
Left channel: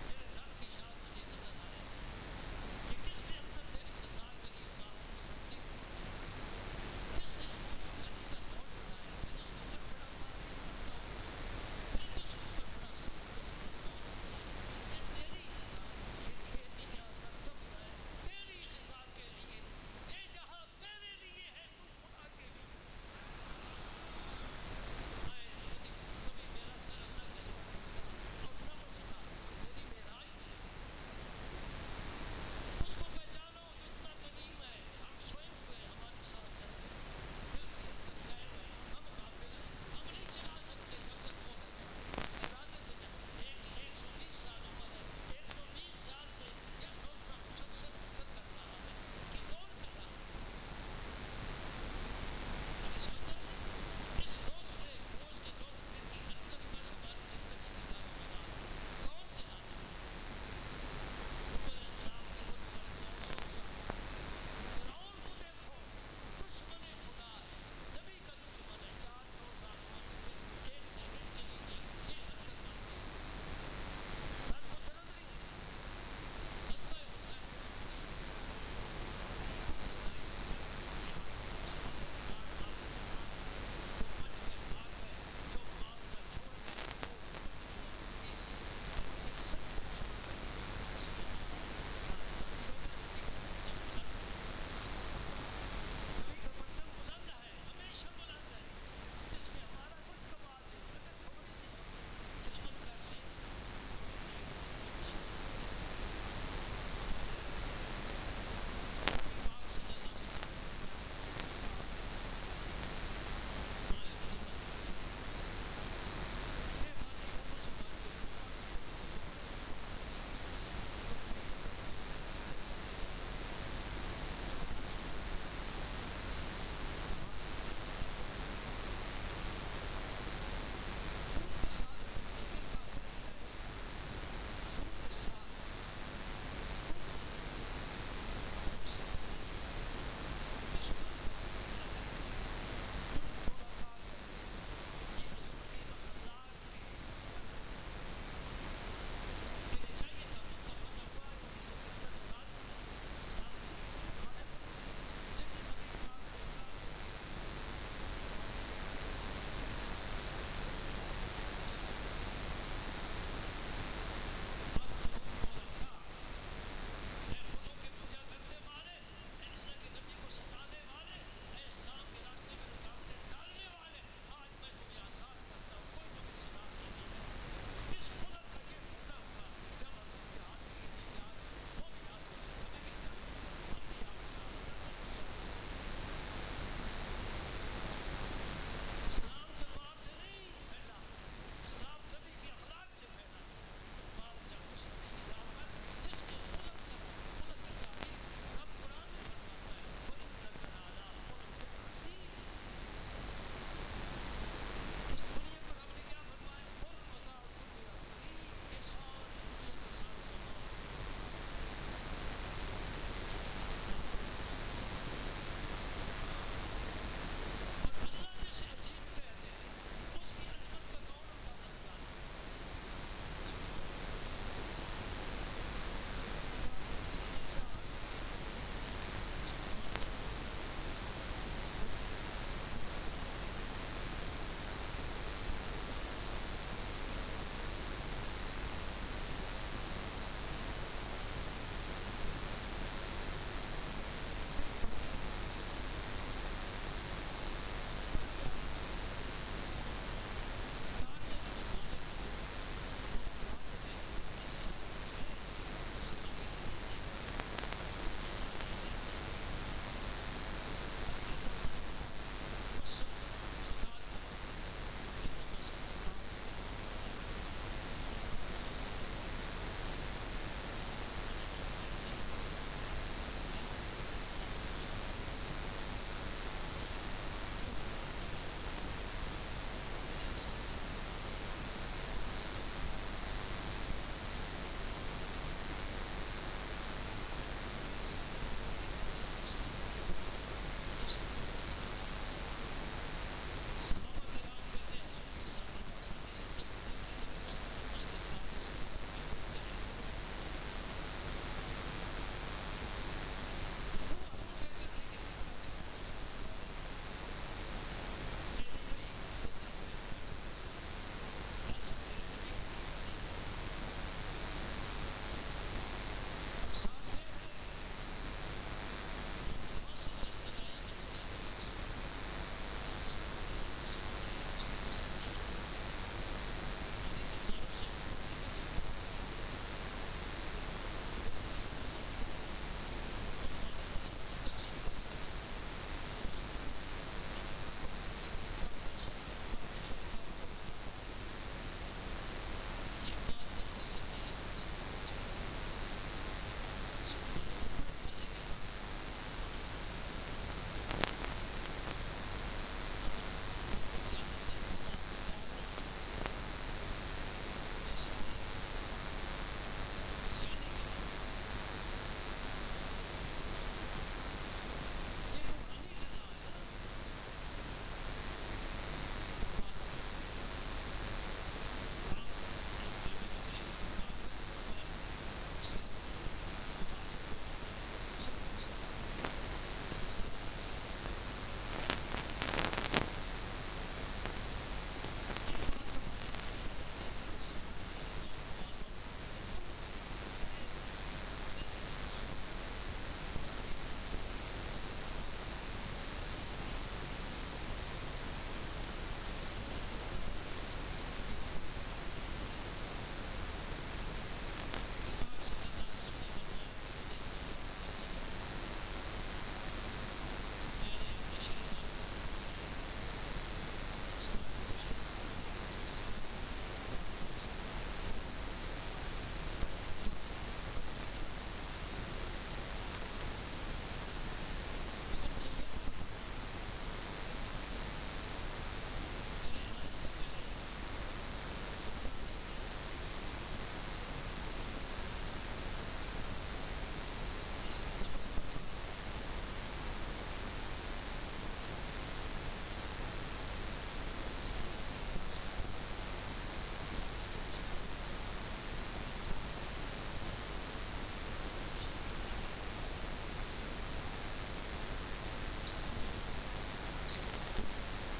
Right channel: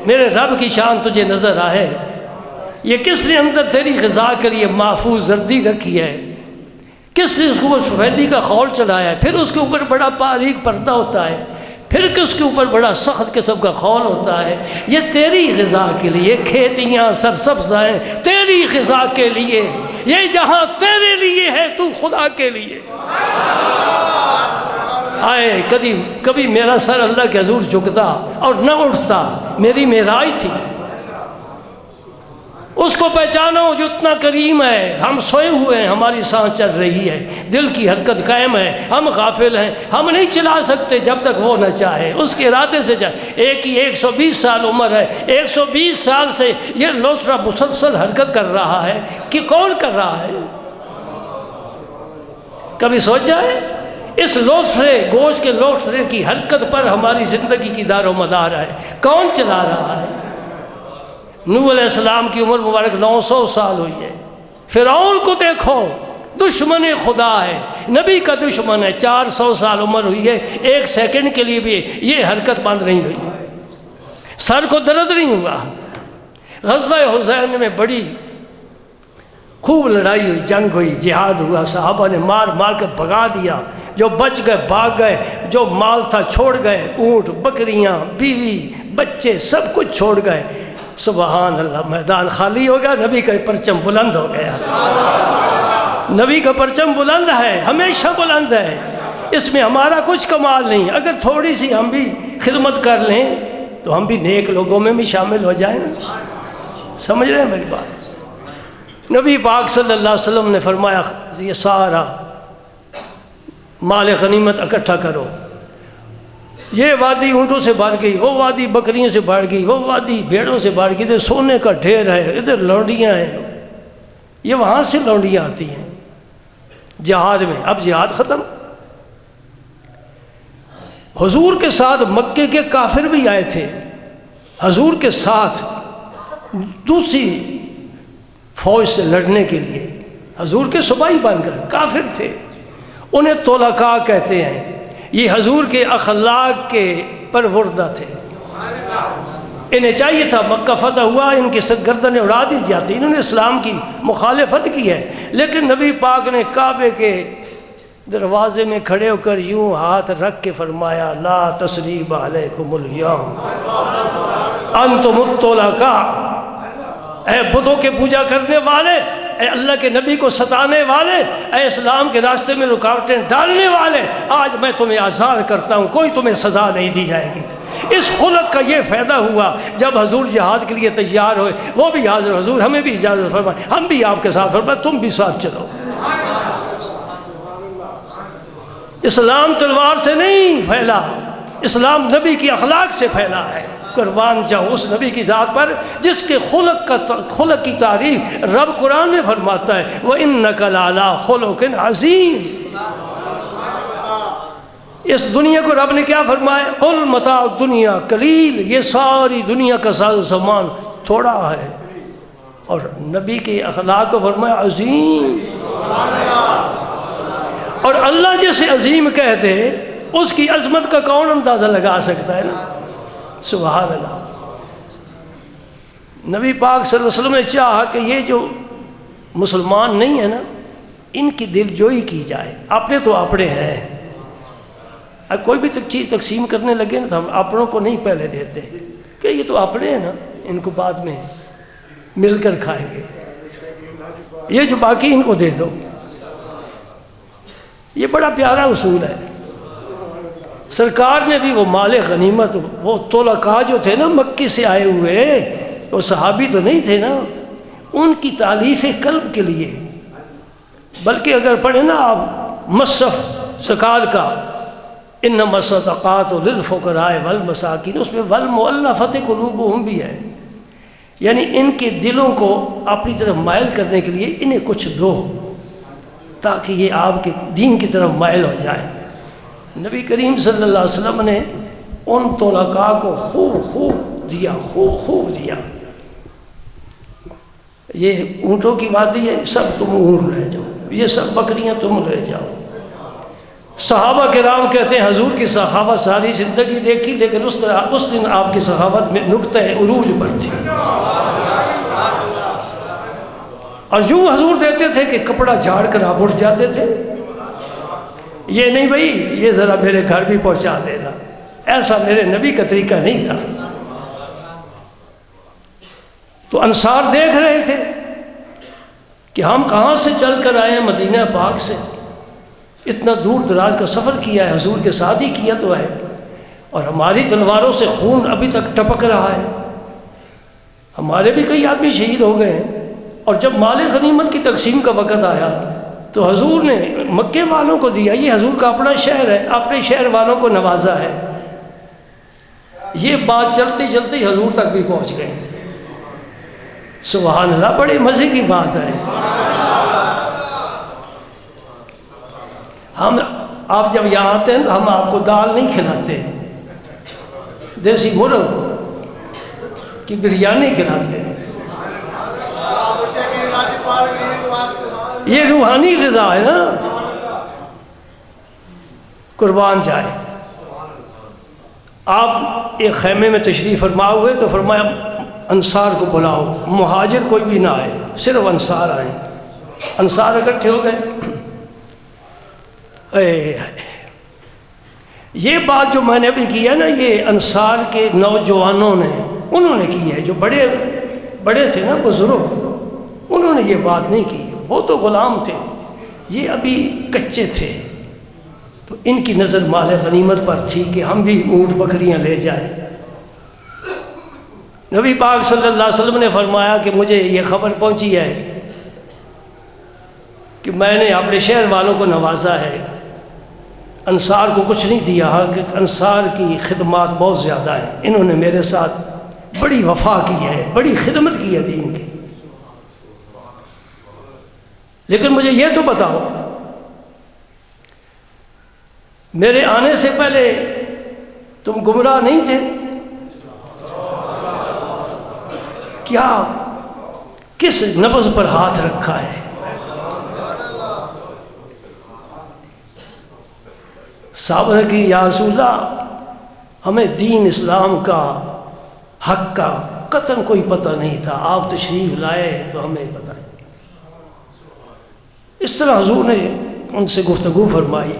میرے رب کی شان تجھے نظر آئے۔ یہ کس نے اندر تیری غذا کے لیے محفوظ زردی رکھی ہے؟ کس نے اس کو سفیدی کا خول چڑھایا ہے؟ پھر اس کے اوپر بڑا باریک پردہ ہوتا ہے، پھر اس کے اوپر بڑا سخت قسم کا خول ہوتا ہے۔ یہ تیری غذا کے لیے، کھیتیاں سرسبز ہیں تیری غذا کے لیے، یہ جہاں تیرے لیے ہے، تو خدا کے لیے۔ آئے کبھی میرا سر اللہ کے حضور جھکتا اور نہ اٹھتا، میری معراج تھی۔ اس کو پہچانو جو اتنا کریم ہے۔ ہم سوئے ہوئے ہیں، ہماری سانس چل رہی ہے، دل کی حرکت قائم ہے، ہم غافل ہیں، ہم نہیں چلا سکتے جب تک وہ نہ چاہے، اس کے ارادے سے چاہے۔ ایک ہی 120 سال عمر ہے، 120 سال سے یہ لوتھڑا مسلسل حرکت کر رہا ہے کہ کون کر رہا ہے؟ کبھی سوچا ہے؟ اس لوتھڑے، گوشت کے لوتھڑے کی حرکت پر ہماری زندگی کی دار و مدار ہے، کون چلا رہا ہے؟ نوح علیہ السلام کی عمر مبارک 900 سال ہوئی ہے۔ فرعون کو دیکھو، دشمن خدا ہے، نبی کا دشمن ہے، 400 سال عمر ہوئی ہے، ایک سیکنڈ کے لیے بھی یہ حرکت بند نہیں ہوئی، سر کو درد نہیں ہوا۔ غزوہ حسین میں بڑی خوب لڑائی ہوئی، جنگ ہوئی، جہاد ہوا، صحابہ نے مار مار کر بھگا دیا، جو بچ گئے بھاگ گئے، جو مال تھا چھوڑ گئے، اونٹ بکریاں بیوی بچے سب کچھ چھوڑ گئے۔ سبحان اللہ، میدان خالی ہو گیا، نبی کا پرچم بلند ہو گیا۔ نبی کا پرچم بلند ہے، ہمیشہ بلند ہے، اس میں ہمارا کچھ کمال نہیں۔ اگر تھوڑی سی ہم بھی خدمت کر لیں تو ہم بھی نیک لوگوں میں بھی شامل ہو جائیں نا۔ سمجھ رہے ہیں میری بات؟ نبی پاک صلی اللہ علیہ وسلم نے فرمایا یہ سارا مال غنیمت اکٹھا کرو، یہ وادی اونٹوں سے بھر گئی، وہ وادی بکریوں سے بھر گئی، وہ وادی بھیڑوں سے بھر گئی، ادھر سونے کا ڈھیر ہے، ادھر لونڈیاں ہیں، یہ وہاں سے لونڈیاں آتی ہیں جہاد میں۔ اب جہاد ختم، حضور کے ساتھ مکے کے کافر بھی آئے تھے، حضور کے ساتھ دوسری فوج سے لڑنے کے لیے، حضور کے سپاہی بن کر، کافر تھے، انہیں طلقاء کہتے ہیں۔ یہ حضور کے اخلاق کے پروردہ تھے، انہیں چاہیے تھا مکہ فتح ہوا ان کی سرگردنیں اڑا دی جاتی، انہوں نے اسلام کی مخالفت کی ہے، لیکن نبی پاک نے کعبے کے دروازے میں کھڑے ہو کر یوں ہاتھ رکھ کے فرمایا لا تثریب علیکم الیوم انتم الطلقاء۔ اے بتوں کے پوجا کرنے والے، اے اللہ کے نبی کو ستانے والے، اے اسلام کے راستے میں رکاوٹیں ڈالنے والے، آج میں تمہیں آزاد کرتا ہوں، کوئی تمہیں سزا نہیں دی جائے گی۔ اس خلق کا یہ فائدہ ہوا جب حضور جہاد کے لیے تیار ہوئے، وہ بھی حاضر، حضور ہمیں بھی اجازت فرمائے، ہم بھی آپ کے ساتھ فرمائے، تم بھی ساتھ چلو۔ اسلام تلوار سے نہیں پھیلا، اسلام نبی کی اخلاق سے پھیلا ہے۔ قربان جاؤں اس نبی کی ذات پر جس کے خلق کی تعریف رب قرآن میں فرماتا ہے وَإِنَّكَ لَعَلَىٰ خُلُقٍ عَظِيمٍ۔ اس دنیا کو رب نے کیا فرمایا؟ قُلْ مَتَاعُ الدُّنْيَا قَلِيلٌ، یہ ساری دنیا کا ساز و سامان تھوڑا ہے، اور نبی کے اخلاق کو فرمایا عظیم۔ اور اللہ جسے عظیم کہہ دے اس کی عظمت کا کون اندازہ لگا سکتا ہے نا؟ سبحان اللہ۔ نبی پاک صلی اللہ علیہ وسلم نے چاہا کہ یہ جو مسلمان نہیں ہے نا، ان کی دل جوئی کی جائے، اپنے تو اپنے ہیں، اب کوئی بھی چیز تقسیم کرنے لگے نا تو ہم اپنوں کو نہیں پہلے دیتے کہ یہ تو اپنے ہیں نا، ان کو بعد میں مل کر کھائیں گے، یہ جو باقی ان کو دے دو۔ یہ بڑا پیارا اصول ہے۔ سرکار نے بھی وہ مال غنیمت، وہ طلقاء جو تھے نا مکے سے آئے ہوئے، وہ صحابی تو نہیں تھے نا، ان کی تالیف قلب کے لیے بلکہ اگر پڑھیں نا آپ مصرف زکوٰۃ کا، انما الصدقات للفقراء والمساکین، اس میں والمؤلفۃ قلوبہم بھی ہے، یعنی ان کے دلوں کو اپنی طرف مائل کرنے کے لیے انہیں کچھ دو تاکہ یہ آپ کے دین کی طرف مائل ہو جائیں۔ نبی کریم صلی اللہ علیہ وسلم نے ان طلقاء کو خوب خوب دیا۔ یہ اونٹوں کی بات ہے، سب تم اونٹ رہ جاؤ، یہ سب بکریاں تم رہ جاؤ۔ صحابہ کرام کہتے ہیں حضور کی سخاوت ساری زندگی دیکھی، لیکن اس دن آپ کی سخاوت میں نقطہ عروج پر تھی، اور یوں حضور دیتے تھے کہ کپڑا جھاڑ کر آپ اٹھ جاتے تھے، یہ نہیں بھائی یہ ذرا میرے گھر بھی پہنچا دینا، ایسا میرے نبی کا طریقہ نہیں تھا۔ تو انصار دیکھ رہے تھے کہ ہم کہاں سے چل کر آئے ہیں، مدینہ پاک سے، اتنا دور دراز کا سفر کیا ہے، حضور کے ساتھ ہی کیا تو ہے، اور ہماری تلواروں سے خون ابھی تک ٹپک رہا ہے، ہمارے بھی کئی آدمی شہید ہو گئے ہیں۔ اور جب مال غنیمت کی تقسیم کا وقت آیا تو حضور نے مکے والوں کو دیا، یہ حضور کا اپنا شہر ہے، اپنے شہر والوں کو نوازا ہے۔ یہ بات چلتے چلتے حضور تک بھی پہنچ گئی۔ سبحان اللہ، بڑے مزے کی بات ہے۔ آپ جب یہاں آتے ہیں تو ہم آپ کو دال نہیں کھلاتے، دیسی مرغ کی بریانی کھلاتے ہیں، یہ روحانی غذا ہے نا، قربان جائے۔ آپ ایک خیمے میں تشریف فرما ہوئے تو فرمایا انصار کو بلاؤ، مہاجر کوئی بھی نہ آئے، صرف انصار آئے۔ انصار اکٹھے ہو گئے۔ یہ بات جو میں نے ابھی کی ہے نا، یہ انصار کے نوجوانوں نے انہوں نے کی ہے، جو بڑے تھے نا بزرگ، انہوں نے یہ بات نہیں کی، وہ تو غلام تھے، یہ ابھی کچے تھے، تو ان کی نظر مال غنیمت پر تھی کہ ہم بھی اونٹ بکریاں لے جائیں۔ نبی پاک صلی اللہ علیہ وسلم نے فرمایا کہ مجھے یہ خبر پہنچی ہے کہ میں نے اپنے شہر والوں کو نوازا ہے، انصار کو کچھ نہیں دیا، کہ انصار کی خدمات بہت زیادہ ہیں، انہوں نے میرے ساتھ بڑی وفا کی ہے، بڑی خدمت کی ہے دین کی، لیکن مجھے یہ تو بتاؤ میرے آنے سے پہلے تم گمراہ نہیں تھے کیا؟ کس نبض پر ہاتھ رکھا ہے؟ صحابہ نے کہ یا رسول اللہ، ہمیں دین اسلام کا حق کا قطعاً کوئی پتہ نہیں تھا، آپ تشریف لائے تو ہمیں پتہ نہیں۔ اس طرح حضور نے ان سے گفتگو فرمائی،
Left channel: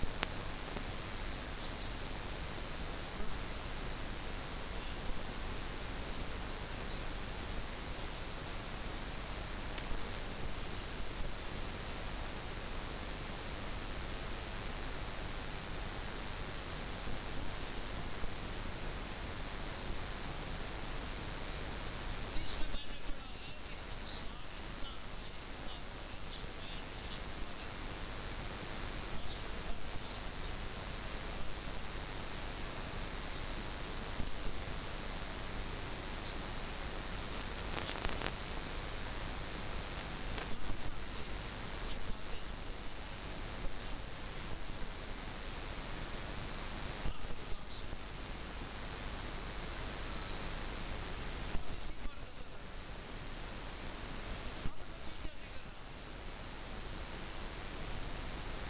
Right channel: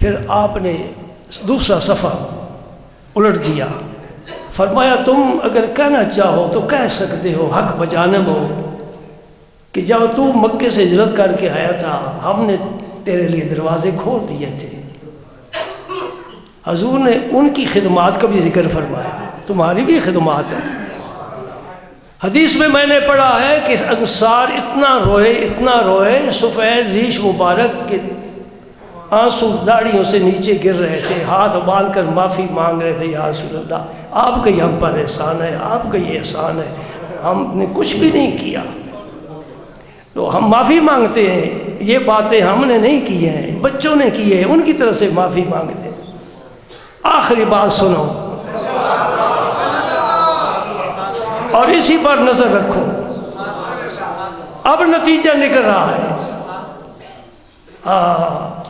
پھر آپ نے دوسرا صفحہ الٹ دیا، فرمایا تم اگر کہنا چاہو تو کہہ سکتے ہو، حق بجانب ہو، کہ جب تو مکے سے ہجرت کر کے آیا تھا ہم نے تیرے لیے دروازے کھول دیے تھے۔ حضور نے ان کی خدمات کا بھی ذکر فرمایا، تمہاری بھی خدمات ہے۔ حدیث میں نے پڑھا ہے کہ انصار اتنا روئے سفید ریش مبارک کے آنسو داڑھیوں سے نیچے گر رہے تھے، ہاتھ باندھ کر معافی مانگ رہے تھے، یا رسول اللہ آپ کا یہ ہم پر احسان ہے، آپ کا یہ احسان ہے، ہم نے کچھ بھی نہیں کیا، تو ہم معافی مانگتے ہیں، یہ باتیں ہم نے نہیں کی ہیں، بچوں نے کی ہے، ان کی طرف سے معافی مانگتے ہیں۔ آخری بات سنو اور اسی پر نظر رکھو، اب نتیجہ نکل رہا ہے۔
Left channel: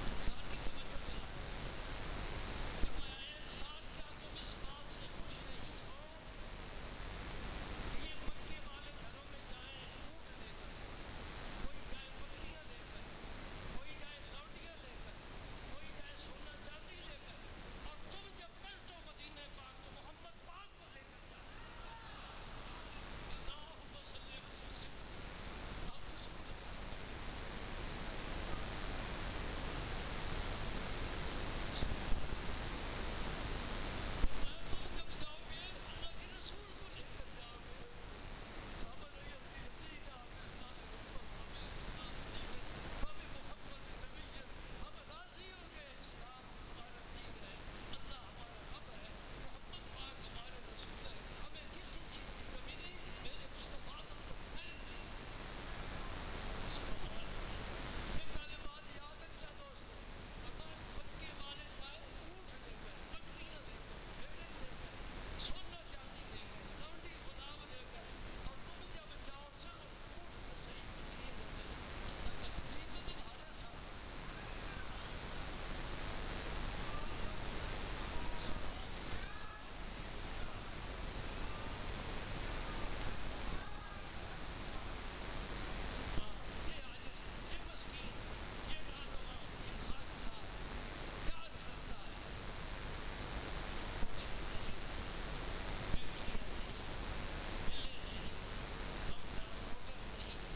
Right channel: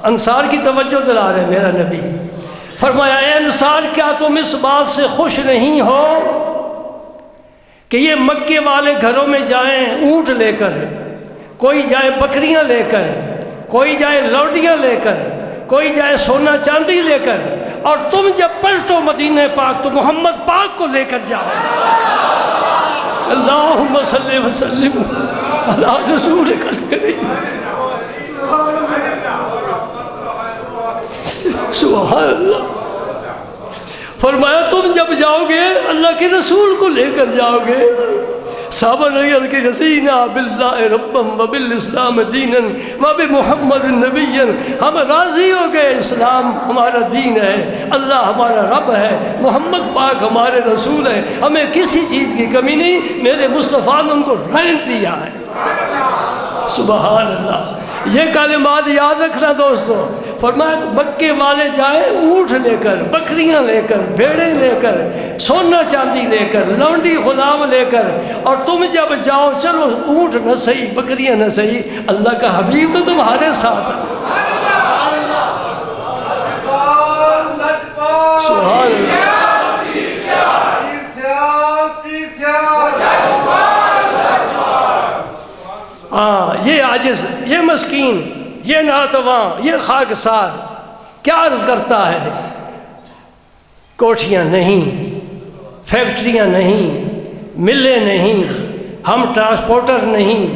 انصار کی توجہ دلا رہے میرا نبی، فرمایا اے انصار کیا تم اس بات سے خوش نہیں ہو کہ یہ مکے والے گھروں میں جائیں اونٹ لے کر، کوئی جائے بکریاں لے کر، کوئی جائے لوڈیاں لے کر، کوئی جائے سونا چاندی لے کر، اور تم جب پلٹو مدینہ پاک تو محمد پاک کو لے کر جاؤ۔ اللہم صلی وسلم علی رسولک الکریم۔ سبحان اللہ۔ فرمایا تم جب جاؤ گے اللہ کے رسول کو لے کر جاؤ گے، صحابہ نے عرض کی رضینا باللہ ربا وبالاسلام دینا وبمحمد نبیا، ہم راضی ہو گئے، اسلام ہمارا دین ہے، اللہ ہمارا رب ہے، محمد پاک ہمارے رسول ہے، ہمیں کسی چیز کی کمی نہیں، میرے مصطفیٰ نے ان کو رنگ دیا ہے۔ سبحان اللہ۔ یہ کلمات یاد رکھنا دوستو۔ فرمایا مکے والے جائیں اونٹ لے کر، بکریاں لے کر، بھیڑیں لے کر، سونا چاندی لے کر، لونڈی غلام لے کر، اور تم جب جاؤ چلو اونٹ نہ صحیح، بکریاں نہ صحیح، اللہ کا حبیب تو تمہارے ساتھ ہے۔ سبحان اللہ۔ یہ عاجز، یہ مسکین، یہ ناتواں، یہ خاکسار کیا عرض کرتا ہے؟ کوٹھیاں نہیں، فیکٹریاں نہیں، ملیں نہیں، ہم ٹرانسپورٹر نہیں،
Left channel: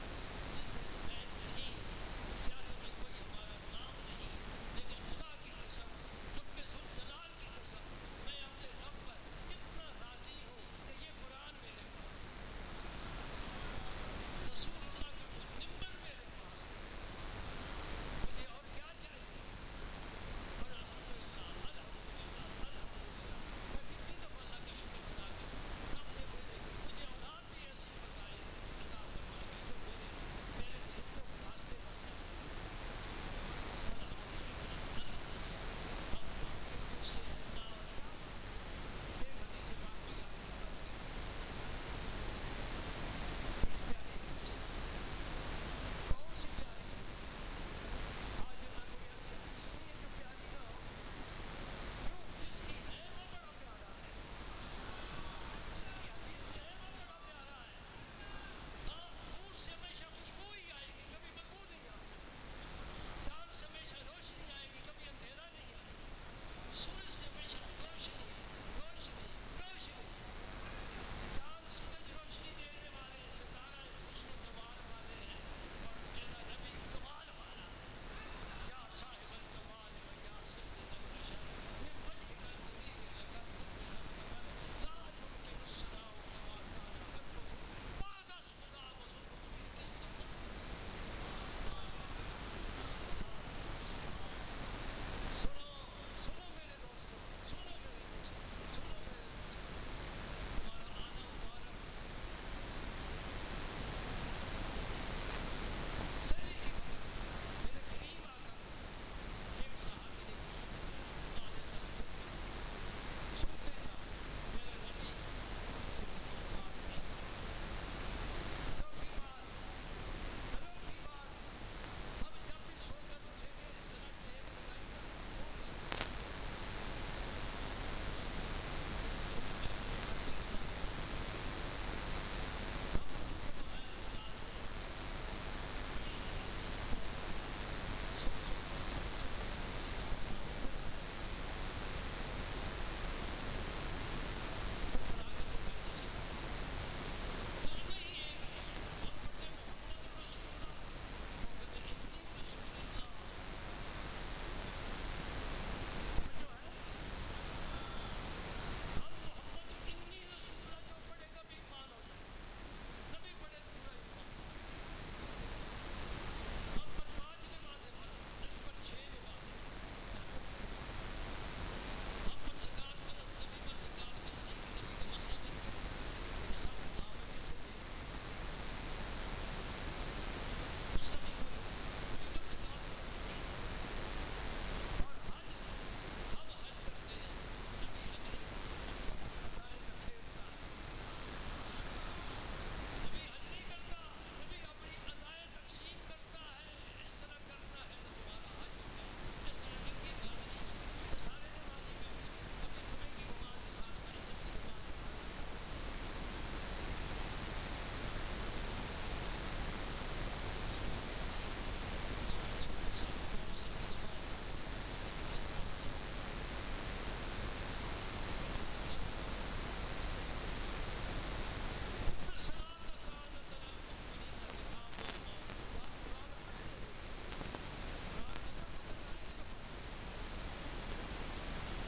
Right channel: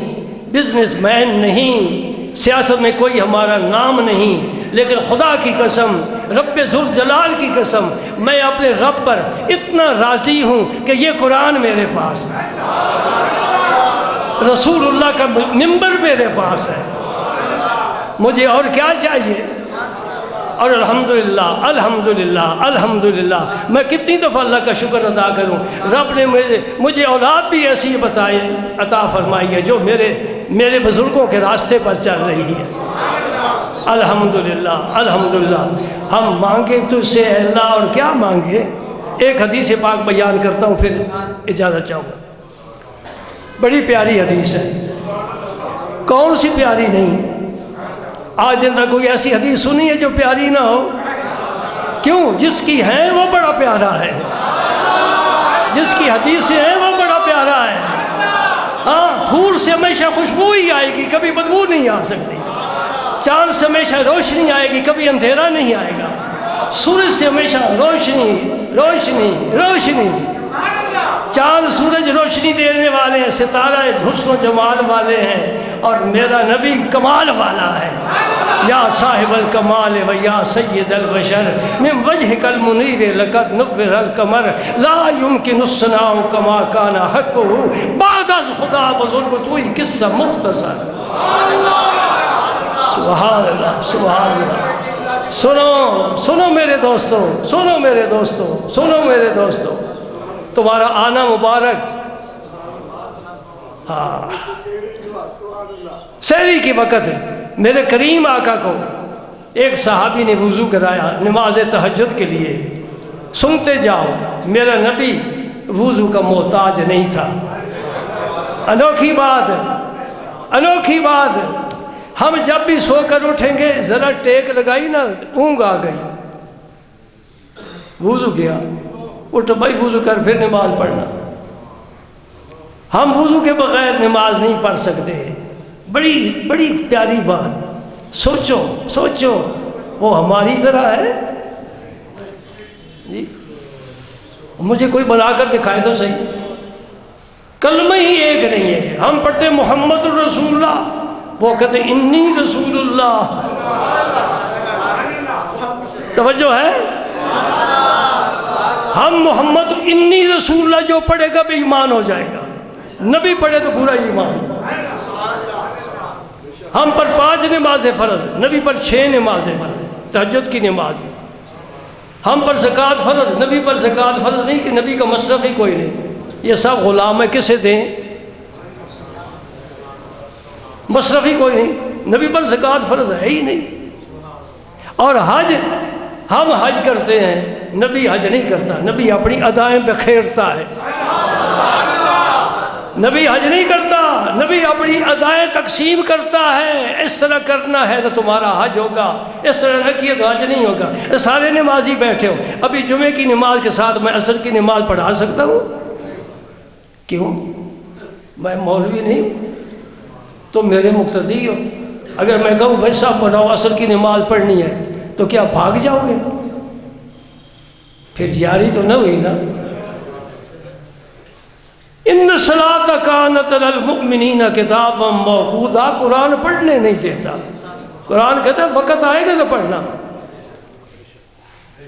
بزنس مین نہیں، سیاست میں کوئی ہمارا نام نہیں، لیکن خدا کی قسم، رب ذوالجلال کی قسم، میں اپنے رب پر اتنا راضی ہوں کہ یہ قرآن میرے پاس ہے، رسول اللہ کا منبر میرے پاس ہے، مجھے اور کیا چاہیے؟ اور الحمدللہ الحمدللہ الحمدللہ، میں کتنی دفعہ اللہ کا شکر ادا کروں، رب نے مجھے اولاد بھی ایسی عطا فرمائی ہے جو میرے بزرگوں کے راستے پر چل رہی ہے۔ الحمدللہ الحمدللہ۔ ہم مانگے تجھ سے اے اللہ، اور کیا مانگے؟ ایک حدیث پاک بیان کرتا ہوں پھر اجازت چاہوں گا۔ بڑی پیاری حدیث ہے، کون سی پیاری نہیں؟ آج دن تک کوئی ایسی حدیث سنی ہے جو پیاری نہ ہو؟ کیوں؟ جس کی ہے وہ بڑا پیارا ہے، جس کی حدیثیں ہیں وہ بڑا پیارا ہے۔ ہاں، پھول سے ہمیشہ خوشبو ہی آئے گی، کبھی بدبو نہیں آ سکتی۔ چاند سے ہمیشہ روشنی آئے گی، کبھی اندھیرا نہیں آئے گا۔ سورج سے ہمیشہ روشنی روشنی روشنی۔ چاند سورج روشنی دینے والے ہیں، ستارہ حسن و جمال والے ہیں، اور میرا نبی کمال والا ہے۔ یا صاحب الکمال و یا سید البشر من وجهک المنیر لقد نور القمر لا يمکن الثناء کما کان حقه بعد از خدا بزرگ توئی قصہ مختصر۔ سبحان اللہ سبحان اللہ۔ سنو میرے دوستو، سنو میرے دوستو، سنو میرے دوستو، تمہارا آنا مبارک۔ سحری کی وقت میرے کریم آقا کو ایک صحابی نے وضو کرایا نماز تہجد کے لیے۔ سنتے جاؤ، میرا نبی وضو کا محتاج نہیں تھا۔ انوکھی بات، انوکھی بات، ہم جب بھی سو کر اٹھیں گے ذرا ٹیک لگائی نا، اونگ آ گئی، وضو کیا، اٹھ بھائی وضو کر پھر نماز پڑھنا۔ ہم وضو کے بغیر نماز نہیں پڑھ سکتے۔ بڑی بڑی پیاری بات، سوچو سوچو، وہ ہماری طرح ہے جی؟ مجھے کوئی بنا کر دکھائے تو صحیح، کلمہ ہی ایک نہیں ہے۔ ہم پڑھتے محمد الرسول اللہ، وہ کہتے انی رسول اللہ۔ توجہ ہے؟ ہم محمد انی رسول اللہ جو پڑھے گا بھی ایمان ہو جائے گا، نبی پڑھے تو پورا ایمان۔ ہم پر 5 نمازیں فرض، نبی پر 6 نمازیں فرض، تہجد کی نماز۔ ہم پر زکوٰۃ فرض، نبی پر زکوٰۃ فرض نہیں، کہ نبی کا مصرف ہی کوئی نہیں۔ یہ سب غلام ہے، کسے دیں؟ مصرف ہی کوئی نہیں، نبی پر زکوٰۃ فرض ہے ہی نہیں۔ اور حج، ہم حج کرتے ہیں، نبی حج نہیں کرتا، نبی اپنی ادائیں بکھیرتا ہے۔ نبی حج نہیں کرتا، نبی اپنی ادائیں تقسیم کرتا ہے۔ اس طرح کرنا ہے تو تمہارا حج ہوگا، اس طرح نہ کیے تو حج نہیں ہوگا۔ سارے نمازی بیٹھے ہو، ابھی جمعے کی نماز کے ساتھ میں عصر کی نماز پڑھا سکتا ہوں؟ کیوں؟ میں مولوی نہیں ہوں، تو میرے مقتدی ہو۔ اگر میں کہوں بھائی صاحب پڑھاؤ، عصر کی نماز پڑھنی ہے، تو کیا بھاگ جاؤ گے؟ پھر یاری تو نہ ہوئی نا۔ ان الصلاۃ کانت علی المؤمنین کتابا موقوتا، قرآن پڑھنے نہیں دیتا، قرآن کہتا ہے وقت آئے گا تو پڑھنا۔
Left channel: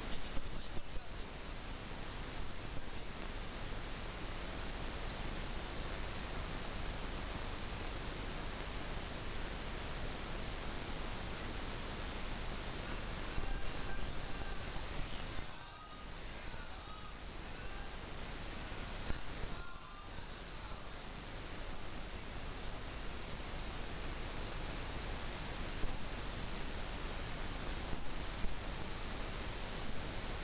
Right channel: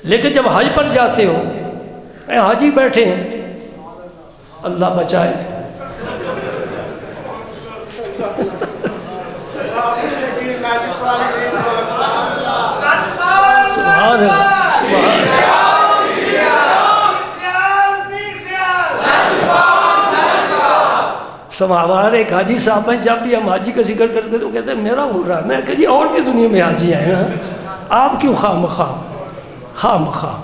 لیکن جب حج پر جاتے ہو، حاجی بیٹھے ہیں، اللہ بچائے، سبحان اللہ، سبحان اللہ۔ ہمارے ایک حاجی صاحب ہیں، جب بھی ہم حاجی کا ذکر کرتے تو کہتے ہیں میرا ہو رہا ہے۔ میں کہا جی اور بھی دنیا میں حاجی ہیں نا، آپ کیوں خواہ مخواہ۔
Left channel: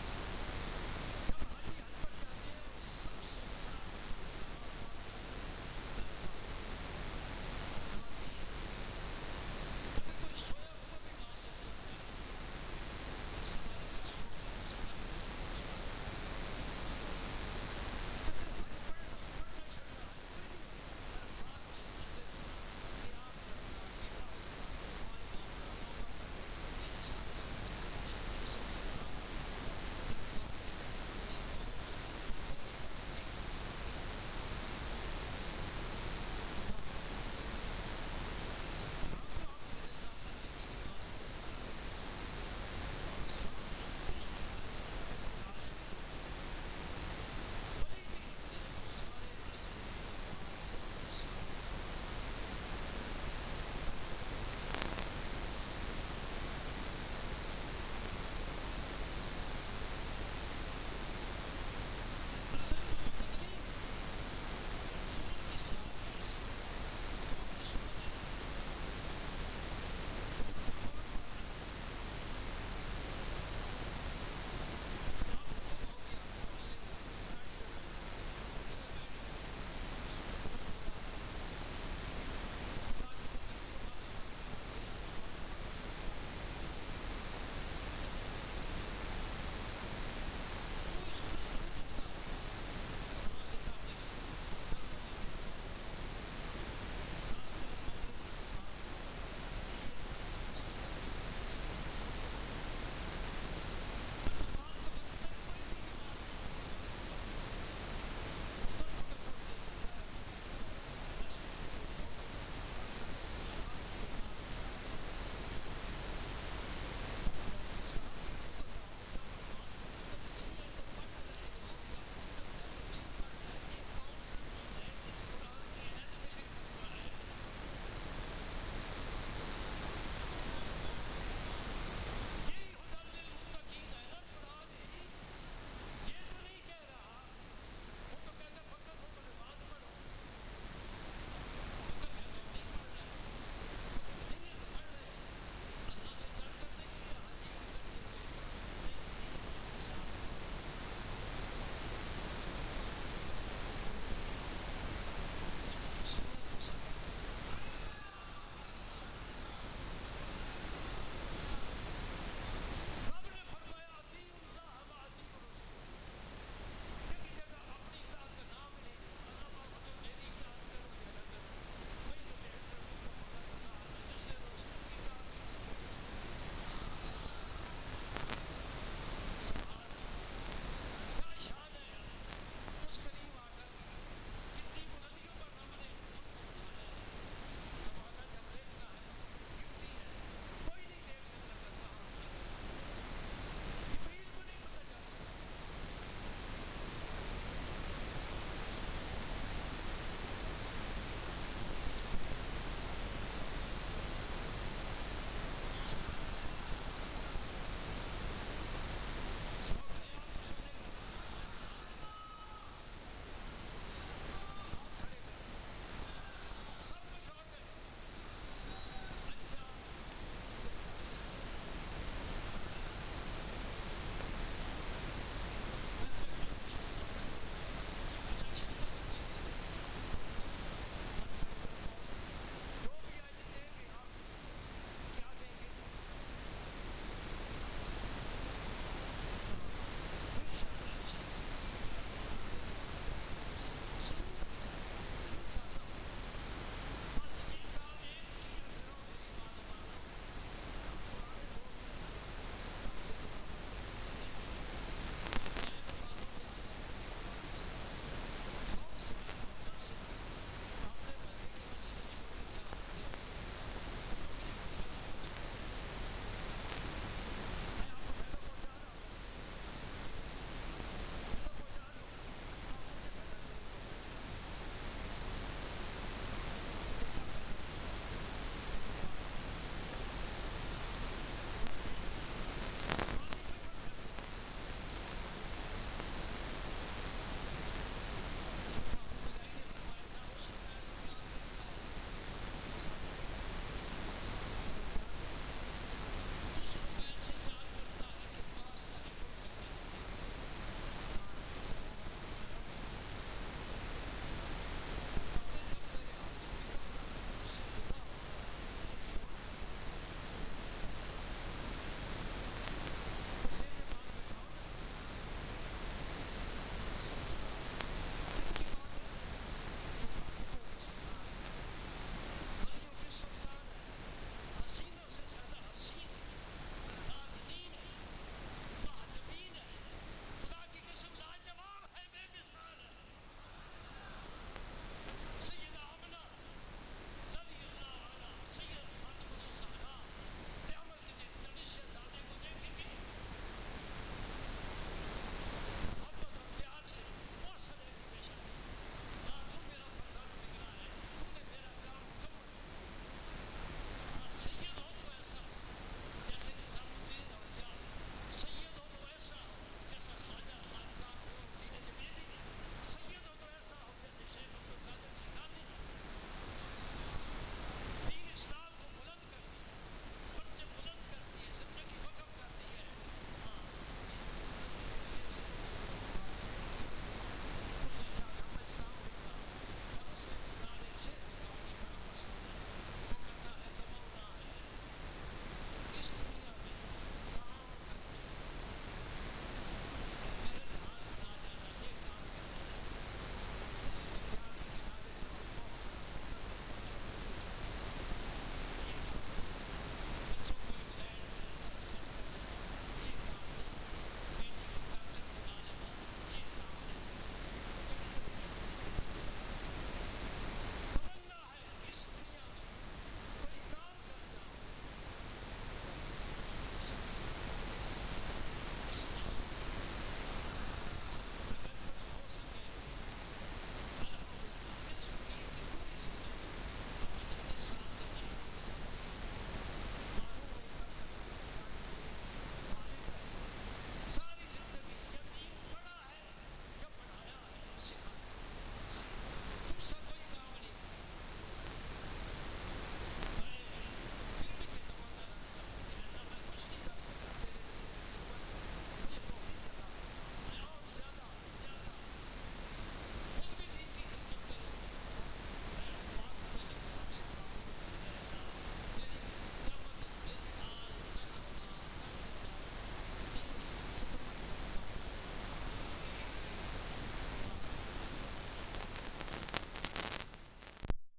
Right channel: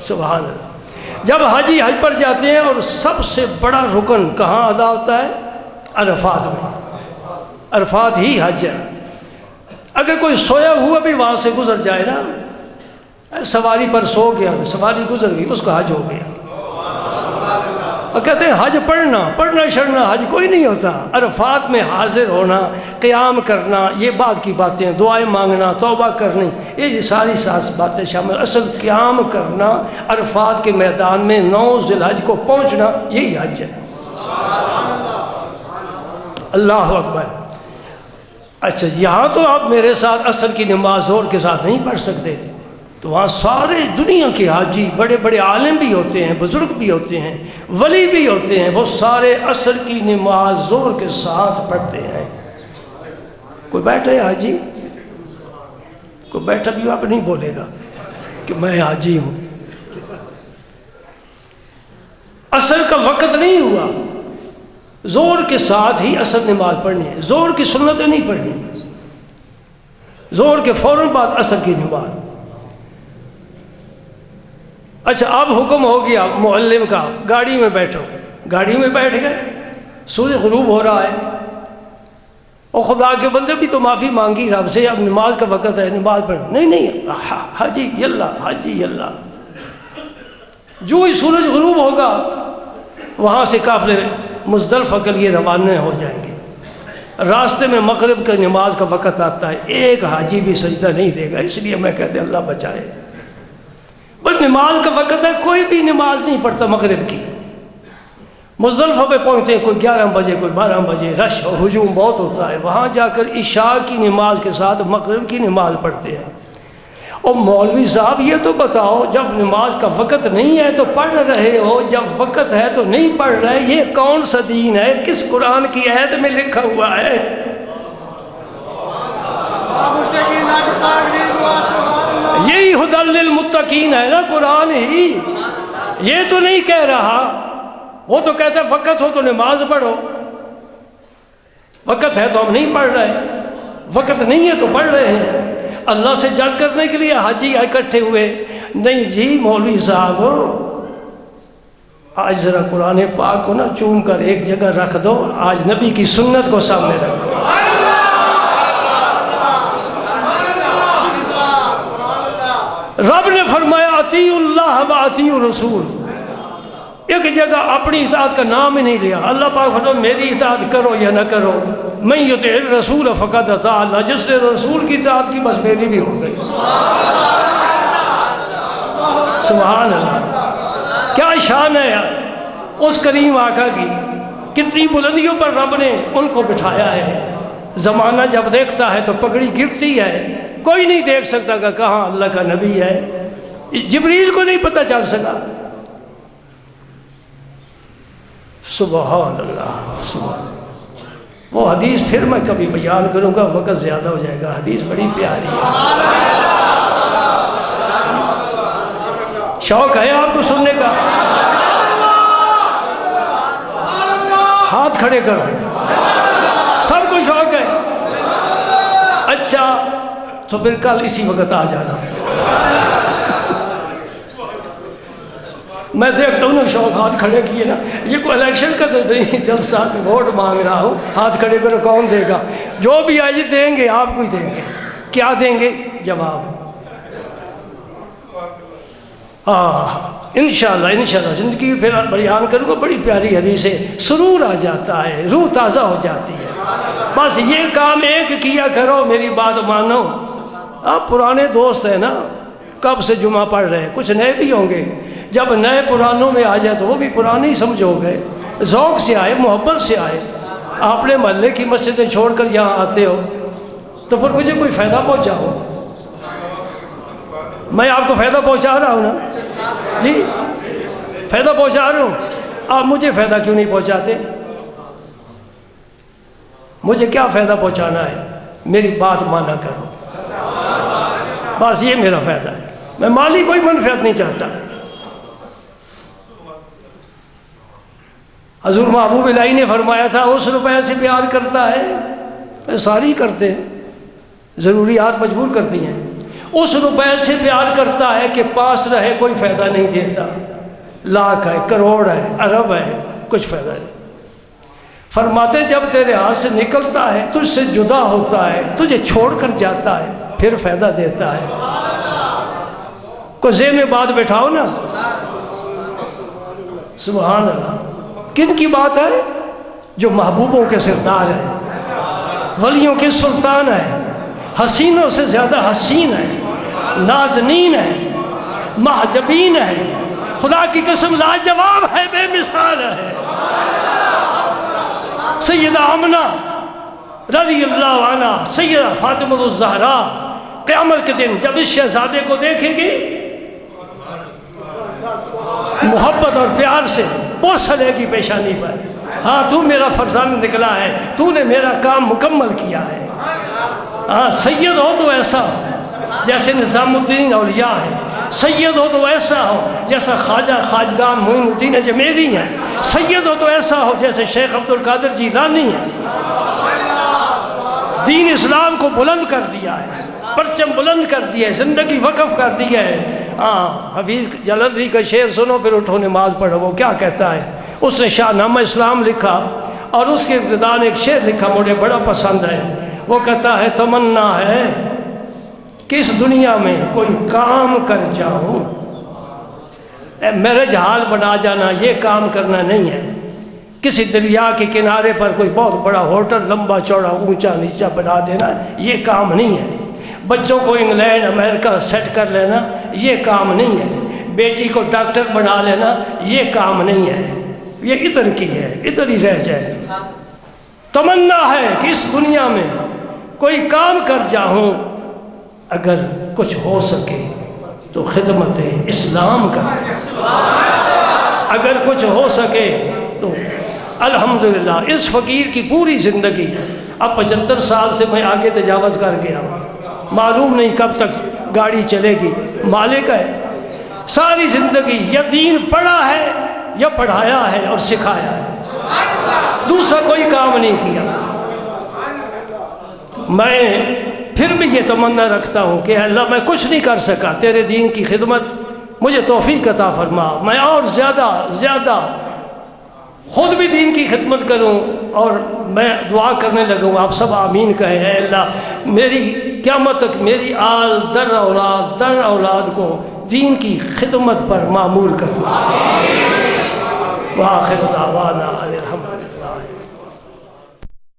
سبحان اللہ۔ جب حاجی حج پر جاتے ہیں اور سب سے بڑا رکن کہاں ادا ہوتا ہے؟ عرفات میں۔ عرفات ہی حج ہے۔ اگر کوئی سویا ہوا بھی وہاں سے گزر جائے نا، سواری پر سو گیا، سواری گزر گئی، اس کا حج ہو گیا۔ اور کہتے ہیں حج پڑھنا شڑنا حج کوئی نہیں ہوتا۔ عرفات میں حاضر ہونا، قیام کرنا، یہ بعد کی باتیں، دعائیں مانگنا، توبہ کرنی، یہ ساری باتیں شامل۔ اصل قیام کرنا، عرفات کے میدان میں 9 ذی الحج کو پہنچنا، یہی حج ہے۔ اللہ اکبر۔ اچھا یہاں تو آپ میرے ساتھ عصر کی نماز زور کے ساتھ نہیں پڑھ سکتے، تو وہاں سارے دنیا کے حاجی، بڑے بڑے عالم بھی ہوتے ہیں، بزرگ بھی ہوتے ہیں، ولی بھی ہوتے ہیں، وہ سارے عصر کی نماز زور کے ساتھ پڑھتے ہیں۔ کوئی بیٹھا ہے حاجی؟ کوئی بیٹھا بھی آپ نہیں بولے گا کہ میں حاجی ہوں۔ عصر کا وقت نہیں ہوا، زور کے ساتھ ہی عصر نماز پڑھنی ہے، زور کی سنتیں نہیں پڑھنی، زور کے فوراً بعد عصر کی نماز۔ اچھا اب حکم ہو گیا معلم کا، گاڑی میں بیٹھو، گاڑی میں بیٹھ گئے، سورج غروب ہو رہا ہے، اور خدا کے بندے بھی تو معافی مانگی رب سے، اب نماز کا وقت ہے، نماز پڑھ۔ نہیں حاجی یلا، حاجی یلا۔ جو ہی سورج غروب ہوگا وہاں سے قافلے مزدلفہ کے لیے روانہ ہو جائیں گے۔ راستے میں مغرب کا نماز کا وقت آتا ہے، ایک حاجی بھی سجدہ نہیں دے گا، اس لیے میں کہتے ہیں اللہ بچائے۔ پر نماز کا وقت ہے، کوئی بھی نماز نہیں پڑھتا مغرب کی۔ مزدلفہ پہ پہنچتے ہیں کوئی 11 بجے، کوئی 12 بجے، رش اور ہجوم بہت ہوتا ہے، وہاں جا کر عشاء کی نماز کے ساتھ مغرب کی نماز پڑھتے ہیں۔ اور مولوی صاحب یہ تو بتاؤ، جب نماز کا وقت نہیں ہے تو پڑھ رہے ہو، جب وقت ہے تو نہیں پڑھ رہے، یہ کون سا دین ہے؟ کس قرآن کی آیت میں لکھا ہوا ہے؟ یہی ھدی للمتقین ہے نا قرآن ہی، یہ تو نہیں کہہ رہا۔ وہ تو کہتا ہے وقت ہو تو نماز پڑھو، وقت ہے تو ہم نہیں پڑھ رہے، وقت نہیں ہے تو پڑھ رہے ہیں۔ اللہ سے جنگ کرنے کے لیے حاجی اکٹھے ہوئے، نہیں جی مولوی صاحب آج ذرا قرآن پاک کو نا چوم کر ایک جگہ رکھ دو، آج نبی کی سنت کو سامنے رکھ دو۔ رب نے فرمایا اطیعوا اللہ و اطیعوا الرسول، ایک جگہ اپنی اطاعت کا نام ہی نہیں لیا۔ اللہ پاک فرمایا میری اطاعت کرو یا نہ کرو، من یطع الرسول فقد اطاع اللہ، جس نے رسول کی اطاعت کی بس میری بھی ہو گئی۔ سبحان اللہ، کیا شان ہے یار اس کریم آقا کی، کتنی بلندیوں پر رب نے ان کو بٹھایا ہے۔ زمانہ جب دیکھتا ہے تو پگڑی گرتی ہے، کوئی نہیں دیکھ سکتا کہ کہاں اللہ کا نبی ہے، جبریل کو نہیں پتہ چل سکا۔ سبحان اللہ، سبحان اللہ۔ وہ حدیث پھر میں کبھی بیان کروں گا، وقت زیادہ ہو جائے گا، حدیث بڑی پیاری ہے۔ شوق ہے آپ کو سننے کا؟ ہاتھ کھڑے کرو، سب کو شوق ہے؟ اچھا تو پھر کل اسی وقت آ جانا، میں دیکھتا ہوں نا شوق ہاتھ کھڑے کیے نا، یہ کوئی الیکشن کا تو نہیں، جلسہ ووٹ مانگ رہا ہوں، ہاتھ کھڑے کرو، کون دے گا؟ جو بھی آئے دیں گے، آپ کو ہی دیں گے۔ کیا دیں گے؟ جواب۔ انشاءاللہ زندگی پھر بیان کروں گا، بڑی پیاری حدیث ہے، سرور آ جاتا ہے، روح تازہ ہو جاتی ہے۔ بس یہ کام ایک کیا کرو، میری بات مانو۔ آپ پرانے دوست ہیں نا، کب سے جمعہ پڑھ رہے ہیں، کچھ نئے بھی ہوں گے، جب نئے پرانوں میں آ جائے تو وہ بھی پرانے ہی سمجھو گے، ذوق سے آئے، محبت سے آئے۔ آپ نے محلے کی مسجدیں چھوڑ کر یہاں آتے ہو تو پھر مجھے کوئی فائدہ پہنچاؤ، میں آپ کو فائدہ پہنچا رہا ہوں نا جی، فائدہ پہنچا رہا ہوں، آپ مجھے فائدہ کیوں نہیں پہنچاتے؟ مجھے کیا فائدہ پہنچانا ہے؟ میری بات مانا کرو، بس یہ میرا فائدہ ہے، میں مالی کوئی منفعت نہیں چاہتا۔ حضور محبوب الہی نے فرمایا تھا اس روپے سے پیار کرتا ہے، ساری کرتے ہیں، ضروریات مجبور کرتی ہیں، اس روپے سے پیار کرتا ہے کہ پاس رہے کوئی فائدہ نہیں دیتا، لاکھ ہے، کروڑ ہے، ارب ہے، کچھ فائدہ نہیں۔ فرماتے جب تیرے ہاتھ سے نکلتا ہے، تجھ سے جدا ہوتا ہے، تجھے چھوڑ کر جاتا ہے، پھر فائدہ دیتا ہے۔ کوئی ذہن میں بات بٹھاؤ نا، سبحان اللہ۔ کن کی بات ہے؟ جو محبوبوں کے سردار ہیں، ولیوں کے سلطان ہیں، حسینوں سے زیادہ حسین ہیں، نازنین ہیں، محجبین ہیں، خدا کی قسم لاجواب ہے، بے مثال ہے۔ سیدہ آمنہ رضی اللہ عنہ، سیدہ فاطمہ الزہراء قیامت کے دن جب اس شہزادے کو دیکھے گی، محبت اور پیار سے بوس لے گی پیشانی پر، ہاں تو میرا فرزند نکلا ہے، تو نے میرا کام مکمل کیا ہے۔ ہاں سید ہو تو ایسا جیسے نظام الدین اولیاء ہے، سید ہو تو ایسا ہو جیسا خواجہ خواجگاہ معین الدین اجمیری ہے، سید ہو تو ایسا ہو جیسے شیخ عبد القادر جیلانی ہے۔ دین اسلام کو بلند کر دیا ہے، پرچم بلند کر دیا ہے، زندگی وقف کر دیا ہے۔ ہاں حفیظ جلندری کا شعر سنو پھر اٹھو نماز پڑھو، وہ کیا کہتا ہے؟ اس نے شاہ نامہ اسلام لکھا اور اس کے ابتداء نے ایک شعر لکھا، مجھے بڑا پسند ہے۔ وہ کہتا ہے تمنا ہے کہ اس دنیا میں کوئی کام کر جاؤں، میرج حال بنا جانا یہ کام کرنا نہیں ہے، کسی دریا کے کنارے پر کوئی بہت بڑا ہوٹل لمبا چوڑا اونچا نیچا بنا دینا یہ کام نہیں ہے، بچوں کو انگلینڈ امریکہ سیٹ کر لینا یہ کام نہیں ہے، بیٹی کو ڈاکٹر بنا لینا یہ کام نہیں ہے، یہ ادھر کی ہے، ادھر ہی رہ جائے۔ تمنا ہے کہ اس دنیا میں کوئی کام کر جاؤں، اگر کچھ ہو سکے تو خدمت اسلام کر جاؤں، اگر کچھ ہو سکے تو الحمدللہ۔ اس فقیر کی پوری زندگی، اب 75 سال سے میں آگے تجاوز کر گیا ہوں، معلوم نہیں کب تک گاڑی چلے گی، مالک ہے، ساری زندگی یا دین پڑھا ہے یا پڑھایا ہے اور سکھایا ہے، دوسرا کوئی کام نہیں کیا۔ میں پھر بھی یہ تمنا رکھتا ہوں کہ اللہ میں کچھ نہیں کر سکا، تیرے دین کی خدمت مجھے توفیق عطا فرما، میں اور زیادہ خود بھی دین کی خدمت کروں، اور میں دعا کرنے لگوں، آپ سب آمین کہیں، اے اللہ میری قیامت تک میری آل در اولاد کو دین کی خدمت پر معمول کر۔ وآخر دعوانا الحمد للہ۔